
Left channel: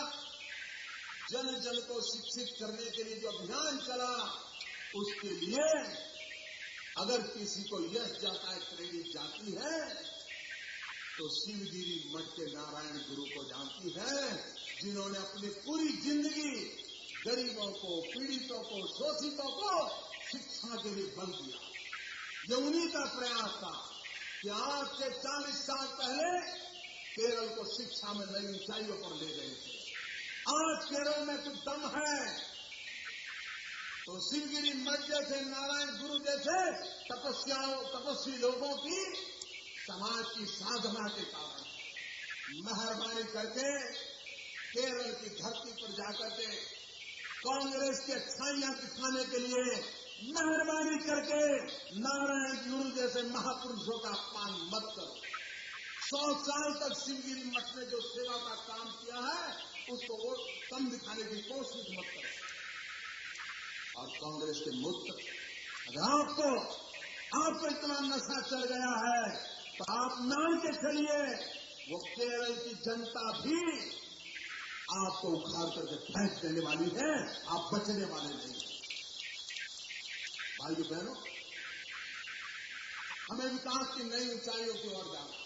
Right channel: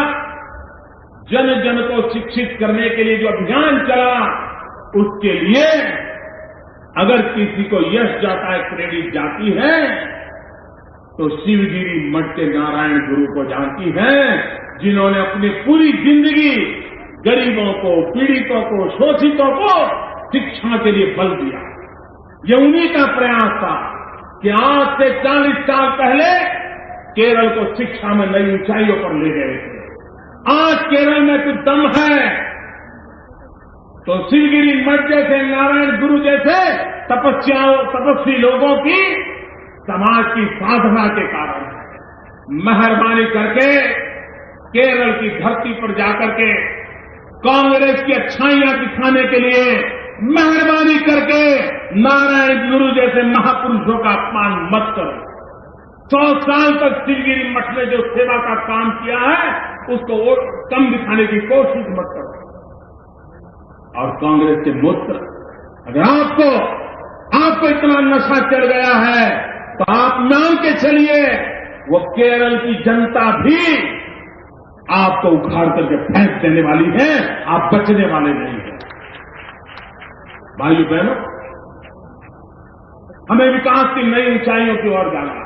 जन जन को शिक्षित करने के लिए जो अभियान चला, उसके लिए अगर किसी को यश जाता है, क्रेडिट जाती है, तो शिवगिरी मठ के नारायण गुरु को जाती है, जिन्होंने अपनी पूरी जिंदगी गरीबों को, पीड़ितों को, शोषितों को शिक्षा के लिए बल दिया। ये उन्हीं का प्रयास था कि आज से 40 साल पहले केरल को शिक्षा में नई ऊंचाइयों पर ले गए थे। आज केरल में कुछ दम है तो शिवगिरी मठ जैसे, नारायण गुरु जैसे तपस्वी लोगों की समाज की साधना के कारण है। मेहरबानी करके केरल की धरती पर जाकर के कांग्रेस की अच्छाइयां दिखाने के लिए मेहरबानी करके नारायण गुरु जैसे महापुरुषों का अपमान मत करो। 100 साल तक शिवगिरी मठ ने जो सेवा का काम किया है, उसको कम दिखाने की कोशिश मत करो। और कांग्रेस के मित्र, अगर आपको इतना नशा चढ़ गया है तो आप मान के चलिए, वो केरल की जनता भी आपको उखाड़ करके फेंक देने वाली है, आप बचने वाले नहीं हैं। भाइयों बहनों, हमें विकास की नई ऊंचाइयों की ओर जाना है।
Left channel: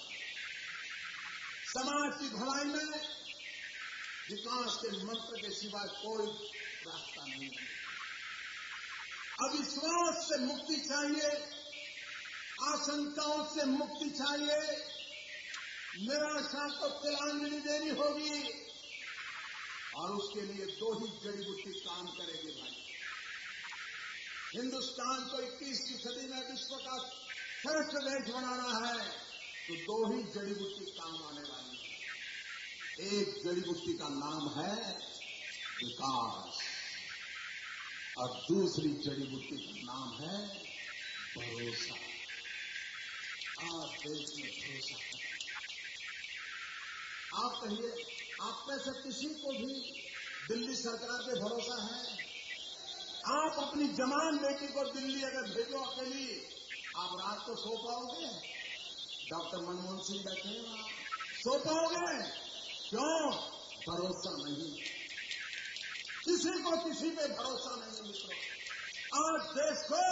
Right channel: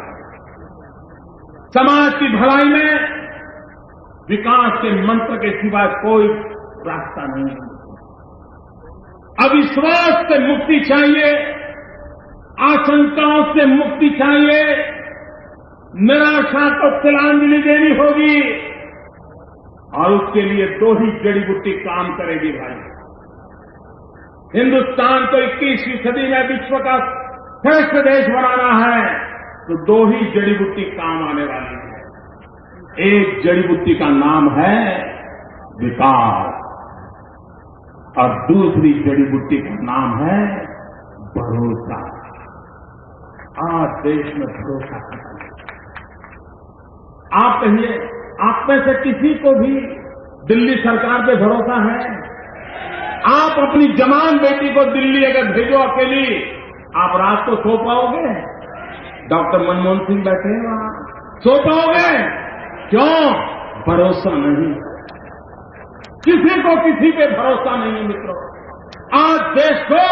समाज की भलाई में विकास के मंत्र के सिवाय कोई रास्ता नहीं है। अविश्वास से मुक्ति चाहिए, आशंकाओं से मुक्ति चाहिए, निराशा को तिलांजलि देनी होगी और उसके लिए दो ही जड़ी बूटी काम करेगी भाई। हिंदुस्तान को 21वीं सदी में विश्व का श्रेष्ठ देश बनाना है तो दो ही जड़ी बूटी काम आने वाली है। एक जड़ी बूटी का नाम है विकास और दूसरी जड़ी बूटी का नाम है भरोसा। आज देश में भरोसा खत्म। आप कहिए, आप में से किसी को भी दिल्ली सरकार पे भरोसा है? आप अपनी जवान बेटी को दिल्ली अगर भेजो अकेली, आप रात को सो पाओगे? डॉक्टर मनमोहन सिंह बैठे हैं वहां, सो पाओगे? क्यों? भरोसा नहीं, किसी को किसी पे भरोसा नहीं मित्रों। आज देश को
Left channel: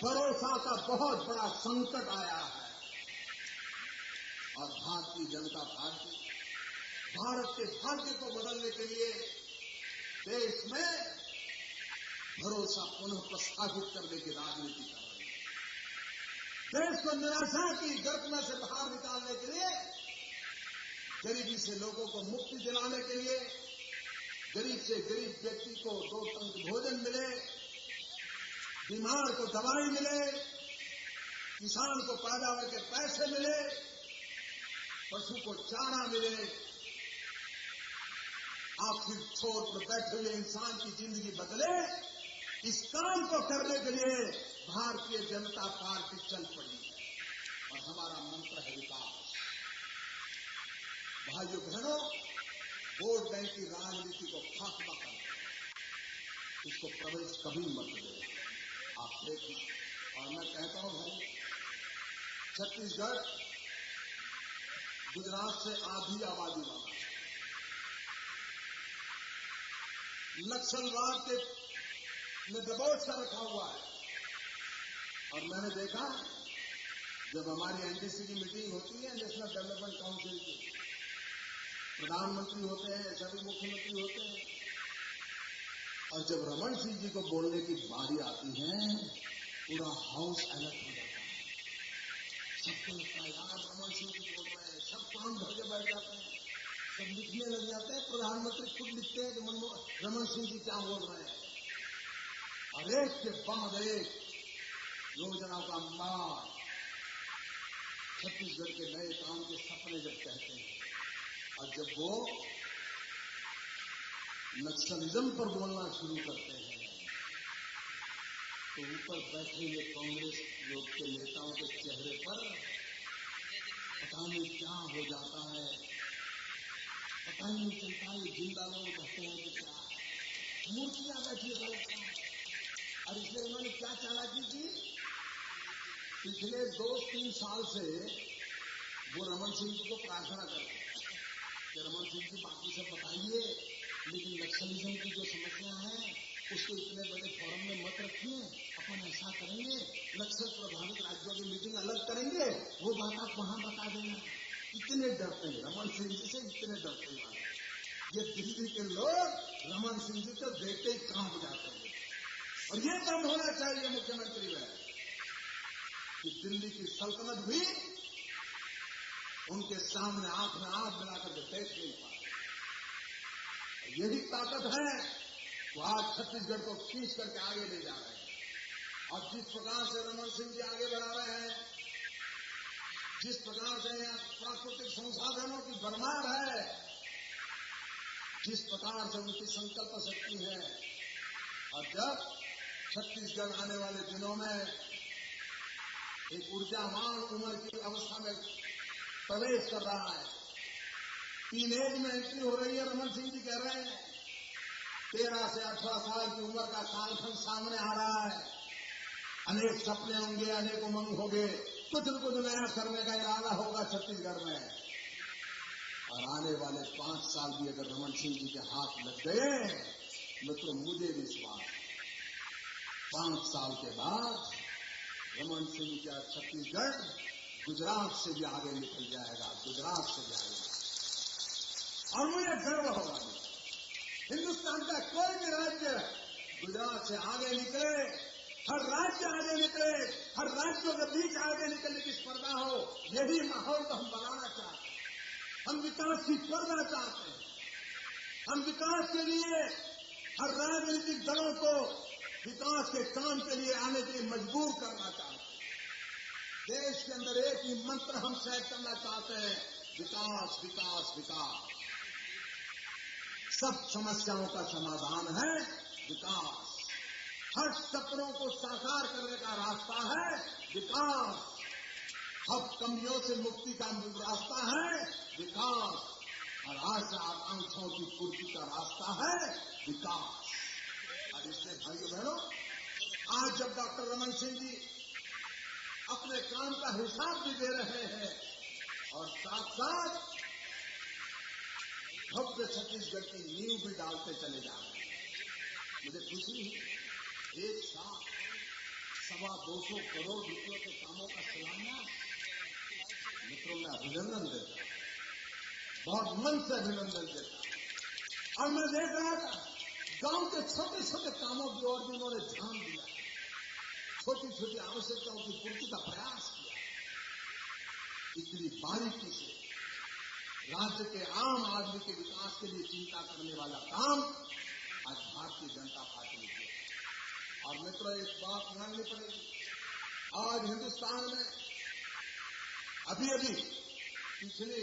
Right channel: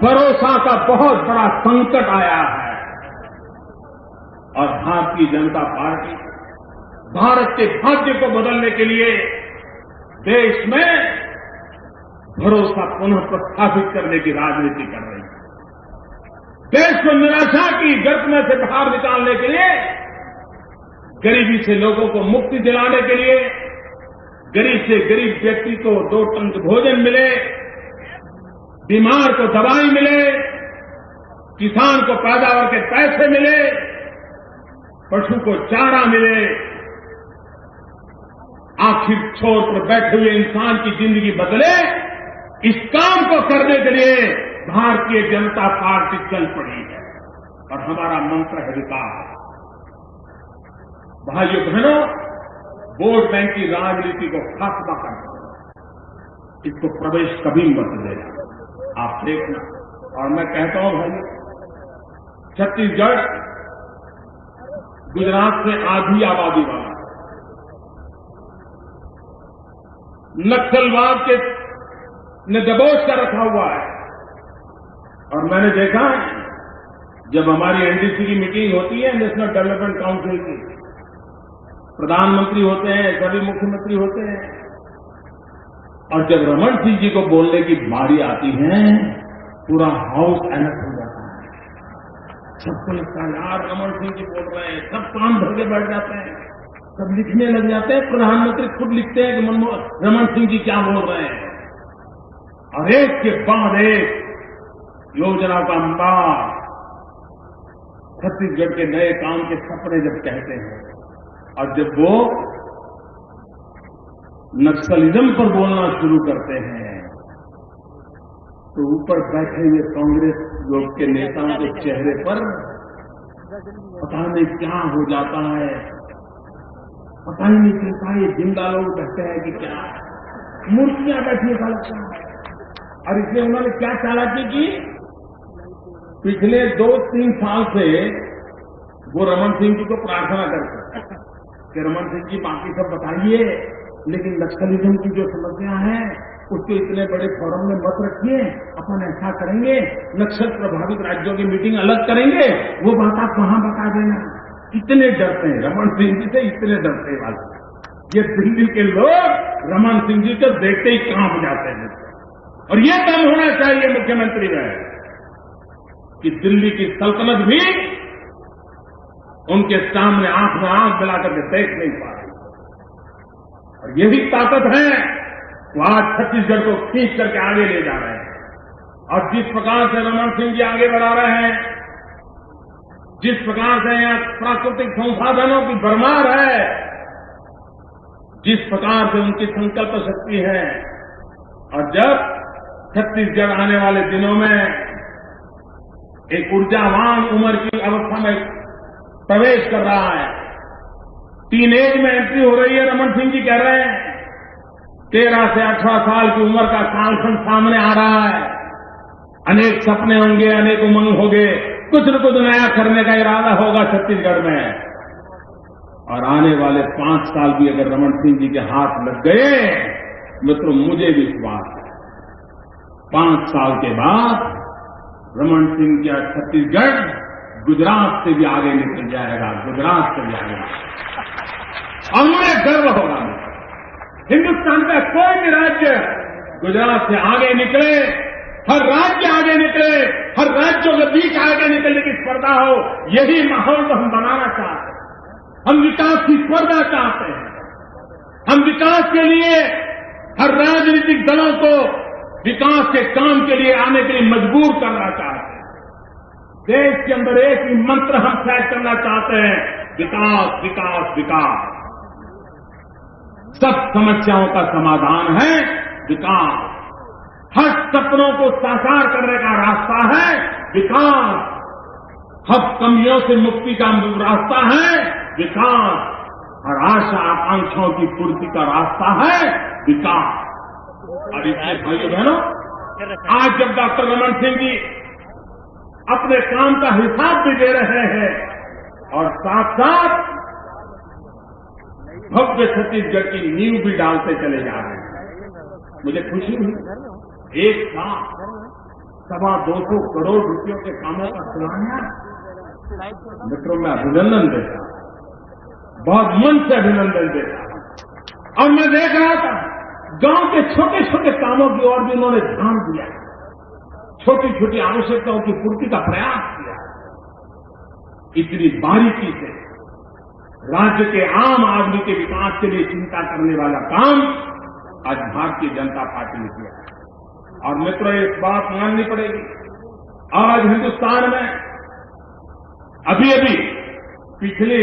भरोसा का बहुत बड़ा संकट आया है और भारतीय जनता पार्टी भारत के भाग्य को बदलने के लिए देश में भरोसा पुनः प्रस्थापित करने की राजनीति कर रही है। देश को निराशा की गर्त में से बाहर निकालने के लिए, गरीबी से लोगों को मुक्ति दिलाने के लिए, गरीब से गरीब व्यक्ति को 2 टंक भोजन मिले, बीमार को दवाई मिले, किसान को पैदावार के पैसे मिले, पशु को चारा मिले, आखिर छोर पर बैठे हुए इंसान की जिंदगी बदले, इस काम को करने के लिए भारतीय जनता पार्टी चल पड़ी है और हमारा मंत्र है विकास। भाइयों बहनों, वोट बैंक की राजनीति को खात्मा करना, इसको प्रवेश कभी मत देना। आप देखना, और मैं कहता हूं भाइयों, छत्तीसगढ़ गुजरात से आधी आबादी वाला, नक्सलवाद के ने दबोच कर रखा हुआ है। और मैंने देखा है, जब हमारी एनडीसी की मीटिंग होती है, नेशनल डेवलपमेंट काउंसिल की, प्रधानमंत्री होते हैं, सभी मुख्यमंत्री होते हैं, और जब रमन सिंह जी को बोलने की बारी आती है, पूरा हाउस अलर्ट हो जाता है। सबको लगता है यार रमन सिंह जी बोल रहे हैं, सब काम धर के बैठ जाते हैं, सब लिखने लग जाते हैं। प्रधानमंत्री खुद लिखते हैं कि रमन सिंह जी क्या बोल रहे हैं, और एक के बाद एक योजना का अंबार, छत्तीसगढ़ के नए काम के सपने जब कहते हैं, और जब वो नक्सलिज्म पर बोलना शुरू करते हैं, तो ऊपर बैठे हुए कांग्रेस लोग के नेताओं के चेहरे पर पता नहीं क्या हो जाता है, पता ही नहीं चलता ये जिंदा लोग बैठे हैं कि क्या मूर्तियां बैठी ऐसा लगता है। और इसलिए उन्होंने क्या चालाकी की, पिछले 2-3 साल से वो रमन सिंह जी को प्रार्थना करते कि रमन सिंह जी बाकी सब बताइए, लेकिन नक्सलिज्म की जो समस्या है उसको इतने बड़े फोरम में मत रखिए, अपन ऐसा करेंगे, नक्सल प्रभावित राज्यों की मीटिंग अलग करेंगे, वो बात आप वहां बता देना। इतने डरते हैं रमन सिंह जी से, इतने डरते वाले ये दिल्ली के लोग रमन सिंह जी को देखते ही कांप जाते हैं। और ये दम होना चाहिए मुख्यमंत्री में कि दिल्ली की सल्तनत भी उनके सामने आंख में आंख मिलाकर के देख नहीं पा रही। और यही ताकत है वो आज छत्तीसगढ़ को खींच करके आगे ले जा रहे हैं। और जिस प्रकार से रमन सिंह जी आगे बढ़ा रहे हैं, जिस प्रकार से यहां प्राकृतिक संसाधनों की भरमार है, जिस प्रकार से उनकी संकल्प शक्ति है, और जब छत्तीसगढ़ आने वाले दिनों में एक ऊर्जावान उम्र की अवस्था में प्रवेश कर रहा है, टीनेज में एंट्री हो रही है, रमन सिंह जी कह रहे हैं 13 से 18 साल की उम्र का कालखंड सामने आ रहा है। अनेक सपने होंगे, अनेक उमंग होंगे, कुछ न कुछ नया करने का इरादा होगा छत्तीसगढ़ में। और आने वाले 5 साल भी अगर रमन सिंह जी के हाथ लग गए, मित्रों मुझे विश्वास है 5 साल के बाद रमन सिंह का छत्तीसगढ़ गुजरात से भी आगे निकल जाएगा, गुजरात से भी आगे। और मुझे गर्व होगा, हिंदुस्तान का कोई भी राज्य गुजरात से आगे निकले हर राज्य आगे निकले, हर राज्यों के बीच आगे निकलने की स्पर्धा हो, यही माहौल तो हम बनाना चाहते हैं। हम विकास की स्पर्धा चाहते हैं। हम विकास के लिए हर राजनीतिक दलों को विकास के काम के लिए आने के लिए मजबूर करना चाहते हैं। देश के अंदर एक ही मंत्र हम सेट करना चाहते हैं, विकास, विकास, विकास। सब समस्याओं का समाधान है विकास। हर सपनों को साकार करने का रास्ता है विकास। हर कमियों से मुक्ति का रास्ता है विकास। हर आशा आकांक्षाओं की पूर्ति का रास्ता है विकास। और इसलिए भाइयों बहनों, आज जब डॉक्टर रमन सिंह जी अपने काम का हिसाब भी दे रहे हैं और साथ साथ भव्य छत्तीसगढ़ की नींव भी डालते चले जा रहे हैं, मुझे खुशी हुई। एक साथ 225 करोड़ रुपयों के कामों का शिलान्यास। मित्रों, मैं अभिनंदन देता हूं, बहुत मन से अभिनंदन देता हूं। और मैं देख रहा था गांव के छोटे छोटे कामों की ओर भी उन्होंने ध्यान दिया, छोटी छोटी आवश्यकताओं की पूर्ति का प्रयास किया। इतनी बारीकी से राज्य के आम आदमी के विकास के लिए चिंता करने वाला काम आज भारतीय जनता पार्टी ने किया है। और मित्रों, एक बात माननी पड़ेगी, आज हिंदुस्तान में अभी अभी पिछले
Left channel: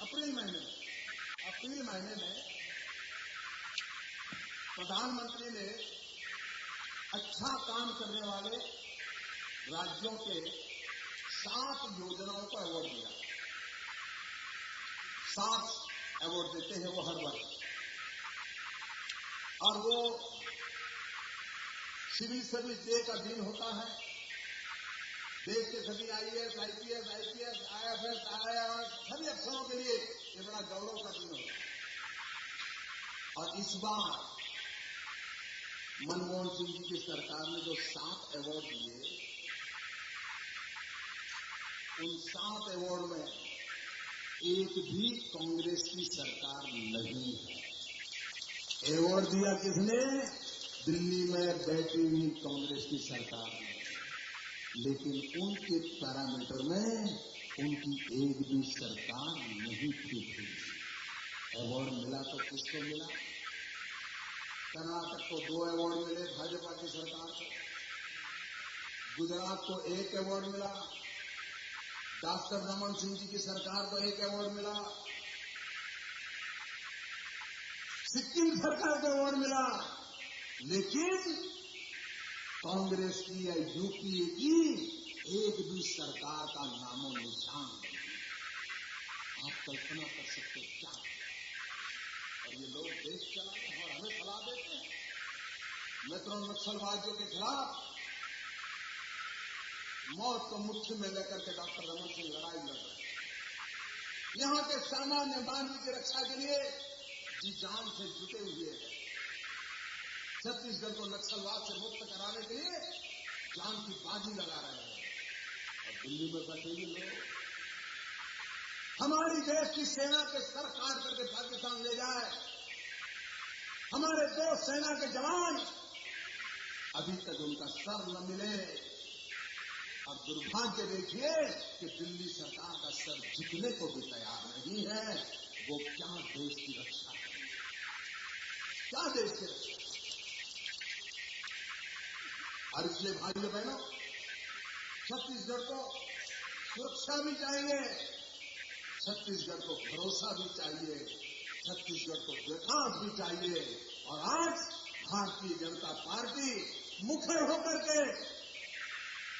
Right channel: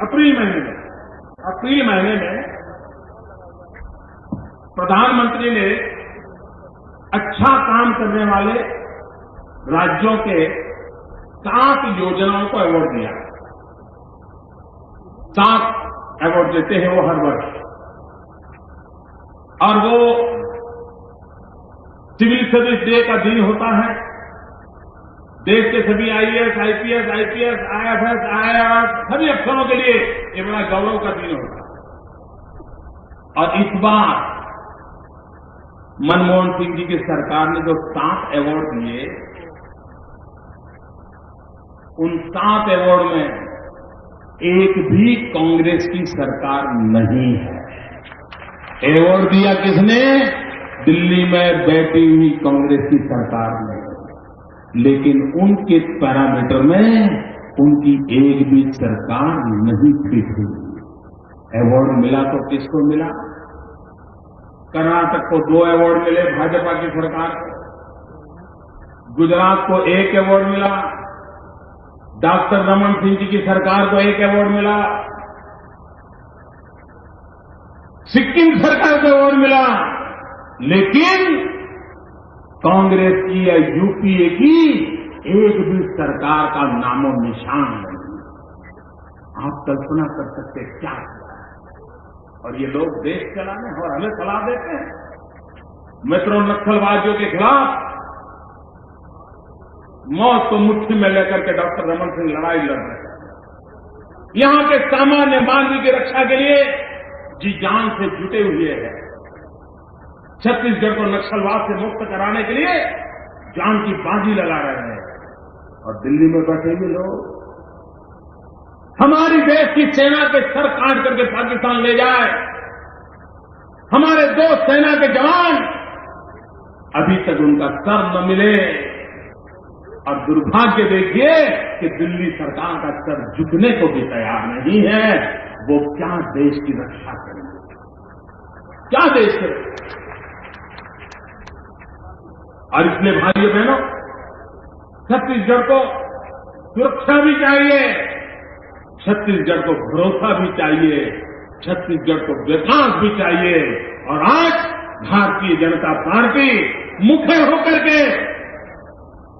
अप्रैल महीने में प्रधानमंत्री ने अच्छा काम करने वाले राज्यों के 7 योजनाओं को अवार्ड दिया। 7 अवार्ड देते हैं वो हर वर्ष। और वो सिविल सर्विस डे का दिन होता है। देश के सभी आईएएस, आईपीएस, आईएफएस, आईआरएस सभी अफसरों के लिए ये बड़ा गौरव का दिन होता है। और इस बार मनमोहन सिंह जी की सरकार ने जो 7 अवार्ड दिए, उन 7 अवार्ड में एक भी कांग्रेस की सरकार नहीं है। अवार्ड दिया किसने? दिल्ली में बैठी हुई कांग्रेस की सरकार ने। लेकिन उनके पैरामीटर में उनकी एक भी सरकार नहीं फिट हुई। अवार्ड मिला तो किसको मिला? कर्नाटक को 2 अवार्ड मिले भाजपा की सरकार को, गुजरात को 1 अवार्ड मिला, डॉक्टर रमन सिंह जी की सरकार को 1 अवार्ड मिला, सिक्किम सरकार को अवार्ड मिला, लेकिन कांग्रेस की या यूपीए की एक भी सरकार का नामो निशान नहीं। आप कल्पना कर सकते क्या किया है। और ये लोग देश चलाने और हमें सलाह देते हैं। मित्रों, नक्सलवादियों के खिलाफ मौत को मुट्ठी में लेकर के डॉक्टर रमन सिंह लड़ाई लड़ रहे हैं। यहां के सामान्य मानवीय की रक्षा के लिए जी जान से जुटे हुए हैं। छत्तीसगढ़ को नक्सलवाद से मुक्त कराने के लिए जान की बाजी लगा रहे हैं। और दिल्ली में बैठे हुए लोग हमारी देश की सेना के सर काट करके पाकिस्तान ले जाए। हमारे 2 सेना के जवान अभी तक उनका सर न मिले। और दुर्भाग्य देखिए कि दिल्ली सरकार का सर झुकने को भी तैयार नहीं है। वो क्या देश की रक्षा करेंगे? क्या देश की रक्षा? और इसलिए भाइयों बहनों, छत्तीसगढ़ को सुरक्षा भी चाहिए, छत्तीसगढ़ को भरोसा भी चाहिए, छत्तीसगढ़ को विकास भी चाहिए। और आज भारतीय जनता पार्टी मुखे होकर के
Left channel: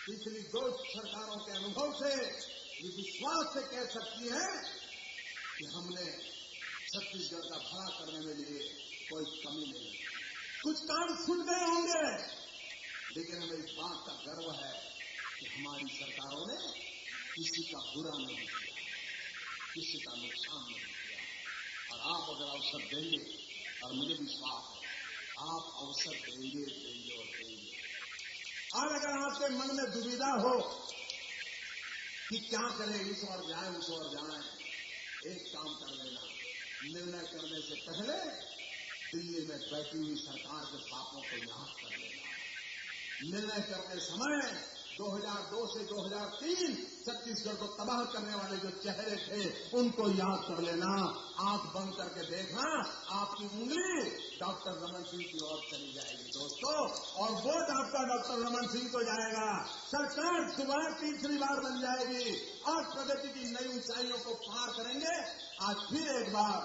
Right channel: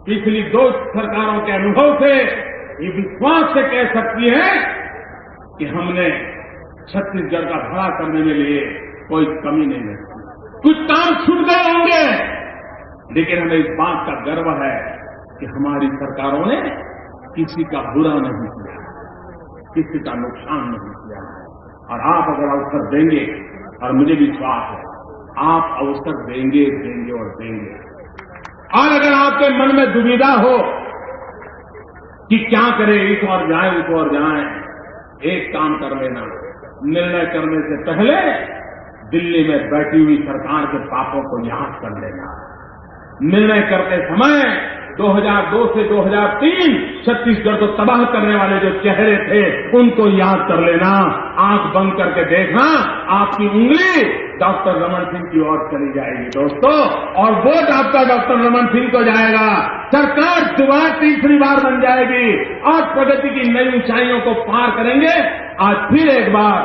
पिछली 2 सरकारों के अनुभव से ये विश्वास से कह सकती है कि हमने छत्तीसगढ़ का भला करने में लिए कोई कमी नहीं रखी। कुछ काम छूट गए होंगे, लेकिन हमें इस बात का गर्व है कि हमारी सरकारों ने किसी का बुरा नहीं किया, किसी का नुकसान नहीं किया। और आप अगर अवसर देंगे, और मुझे विश्वास है आप अवसर देंगे, देंगे और देंगे। और अगर आपके मन में दुविधा हो कि क्या करें, इस ओर जाएं, उस ओर जाएं, एक काम कर लेना, निर्णय करने से पहले दिल्ली में बैठी हुई सरकार के पापों को याद कर लेना। निर्णय करते समय 2002 से 2003 छत्तीसगढ़ को तबाह करने वाले जो चेहरे थे उनको याद कर लेना। आंख बंद करके देखना, आपकी उंगली डॉक्टर रमन सिंह की ओर चली जाएगी दोस्तों, और वोट आपका डॉक्टर रमन सिंह को जाएगा। सरकार दोबारा तीसरी बार बन जाएगी और प्रगति की नई ऊंचाइयों को पार करेंगे। आज फिर एक बार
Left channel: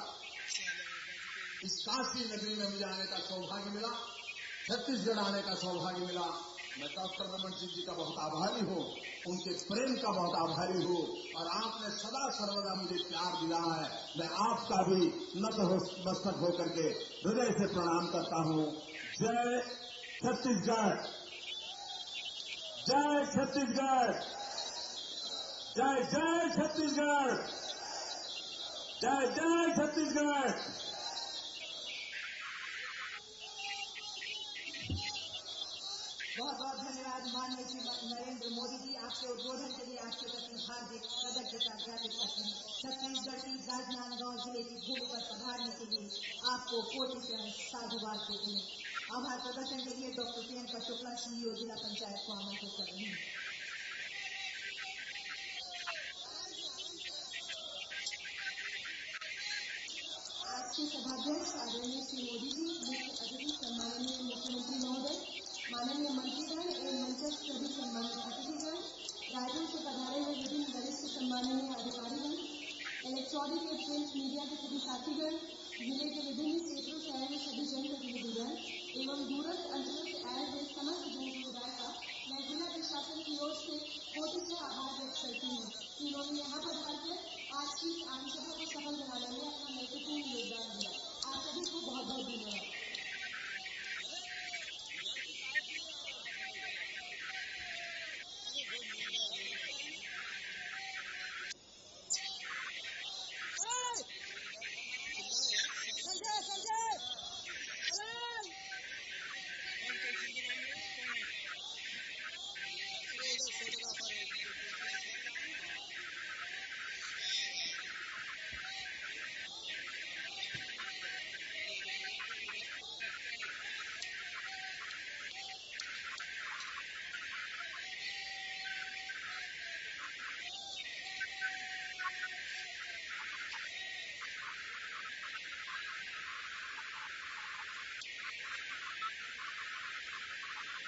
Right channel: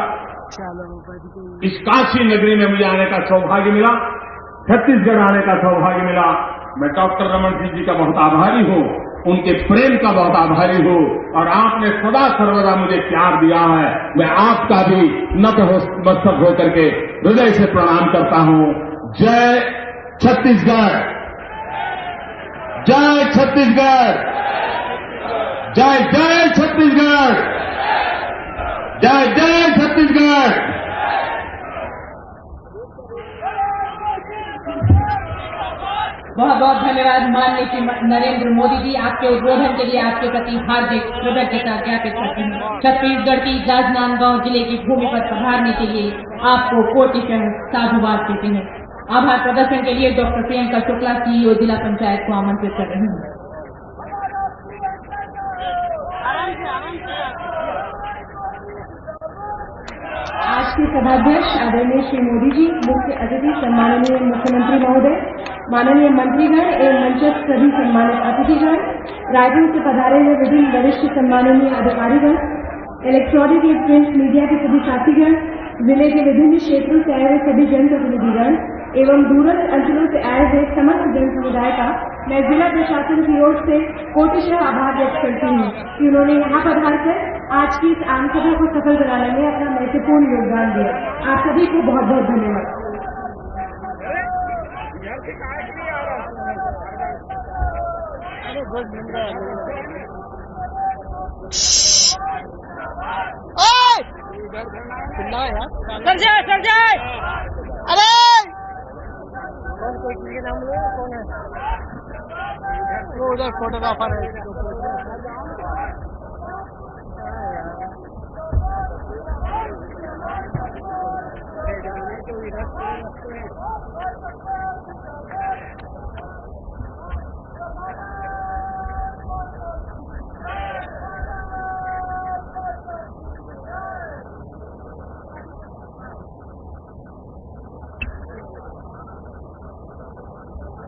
इस काशी नगरी में मुझे आने का सौभाग्य मिला, छत्तीसगढ़ आने का सौभाग्य मिला। मैं डॉक्टर रमन सिंह जी का बहुत आभारी हूं, उनके प्रेम का बहुत आभारी हूं, और आपने सदा सर्वदा मुझे प्यार दिया है। मैं आपका भी नतमस्तक होकर के हृदय से प्रणाम करता हूं। जय छत्तीसगढ़, जय छत्तीसगढ़, जय जय छत्तीसगढ़, जय जय छत्तीसगढ़। बहुत बहुत धन्यवाद माननीय श्री नरेंद्र मोदी जी। आपके उद्बोधन के लिए आपके प्रति हार्दिक कृतज्ञता ज्ञापित करते हैं। छत्तीसगढ़ की राजनांदगांव जिले की भूमि पर पधारने के लिए आपको कोटिशः साधुवाद देते हैं। आभार प्रदर्शन के लिए डॉक्टर प्रियंका शुक्ला सीईओ जिला पंचायत को आमंत्रित कर रही हूं। आज के सभाध्यक्ष आदरणीय श्री मोदी जी, मुख्य अतिथि सम्माननीय मुख्यमंत्री महोदय, माननीय मंत्रीगण एवं मंचस्थ सभी सम्मानित अतिथिगण, रायपुर से पधारे हुए विभिन्न वरिष्ठ सम्माननीय अधिकारीगण, इलेक्ट्रॉनिक एवं प्रिंट मीडिया के सभी साथीगण, जिले के विभिन्न क्षेत्रों से आए हुए सभी जनप्रतिनिधिगण एवं दूरस्थ अंचलों से आए हुए समस्त जन समुदाय का मैं जिला प्रशासन की ओर से कोटिशः आभार व्यक्त करती हूँ कि उन्होंने यहाँ पधारकर आज की इस आमसभा को सफल बनाने में अपना महत्वपूर्ण योगदान दिया। आप सभी को बहुत बहुत धन्यवाद। सर जाए अरे कौन कोई चीज के नाम लो, कौन है वो? उधर फोटोग्राफर है। यार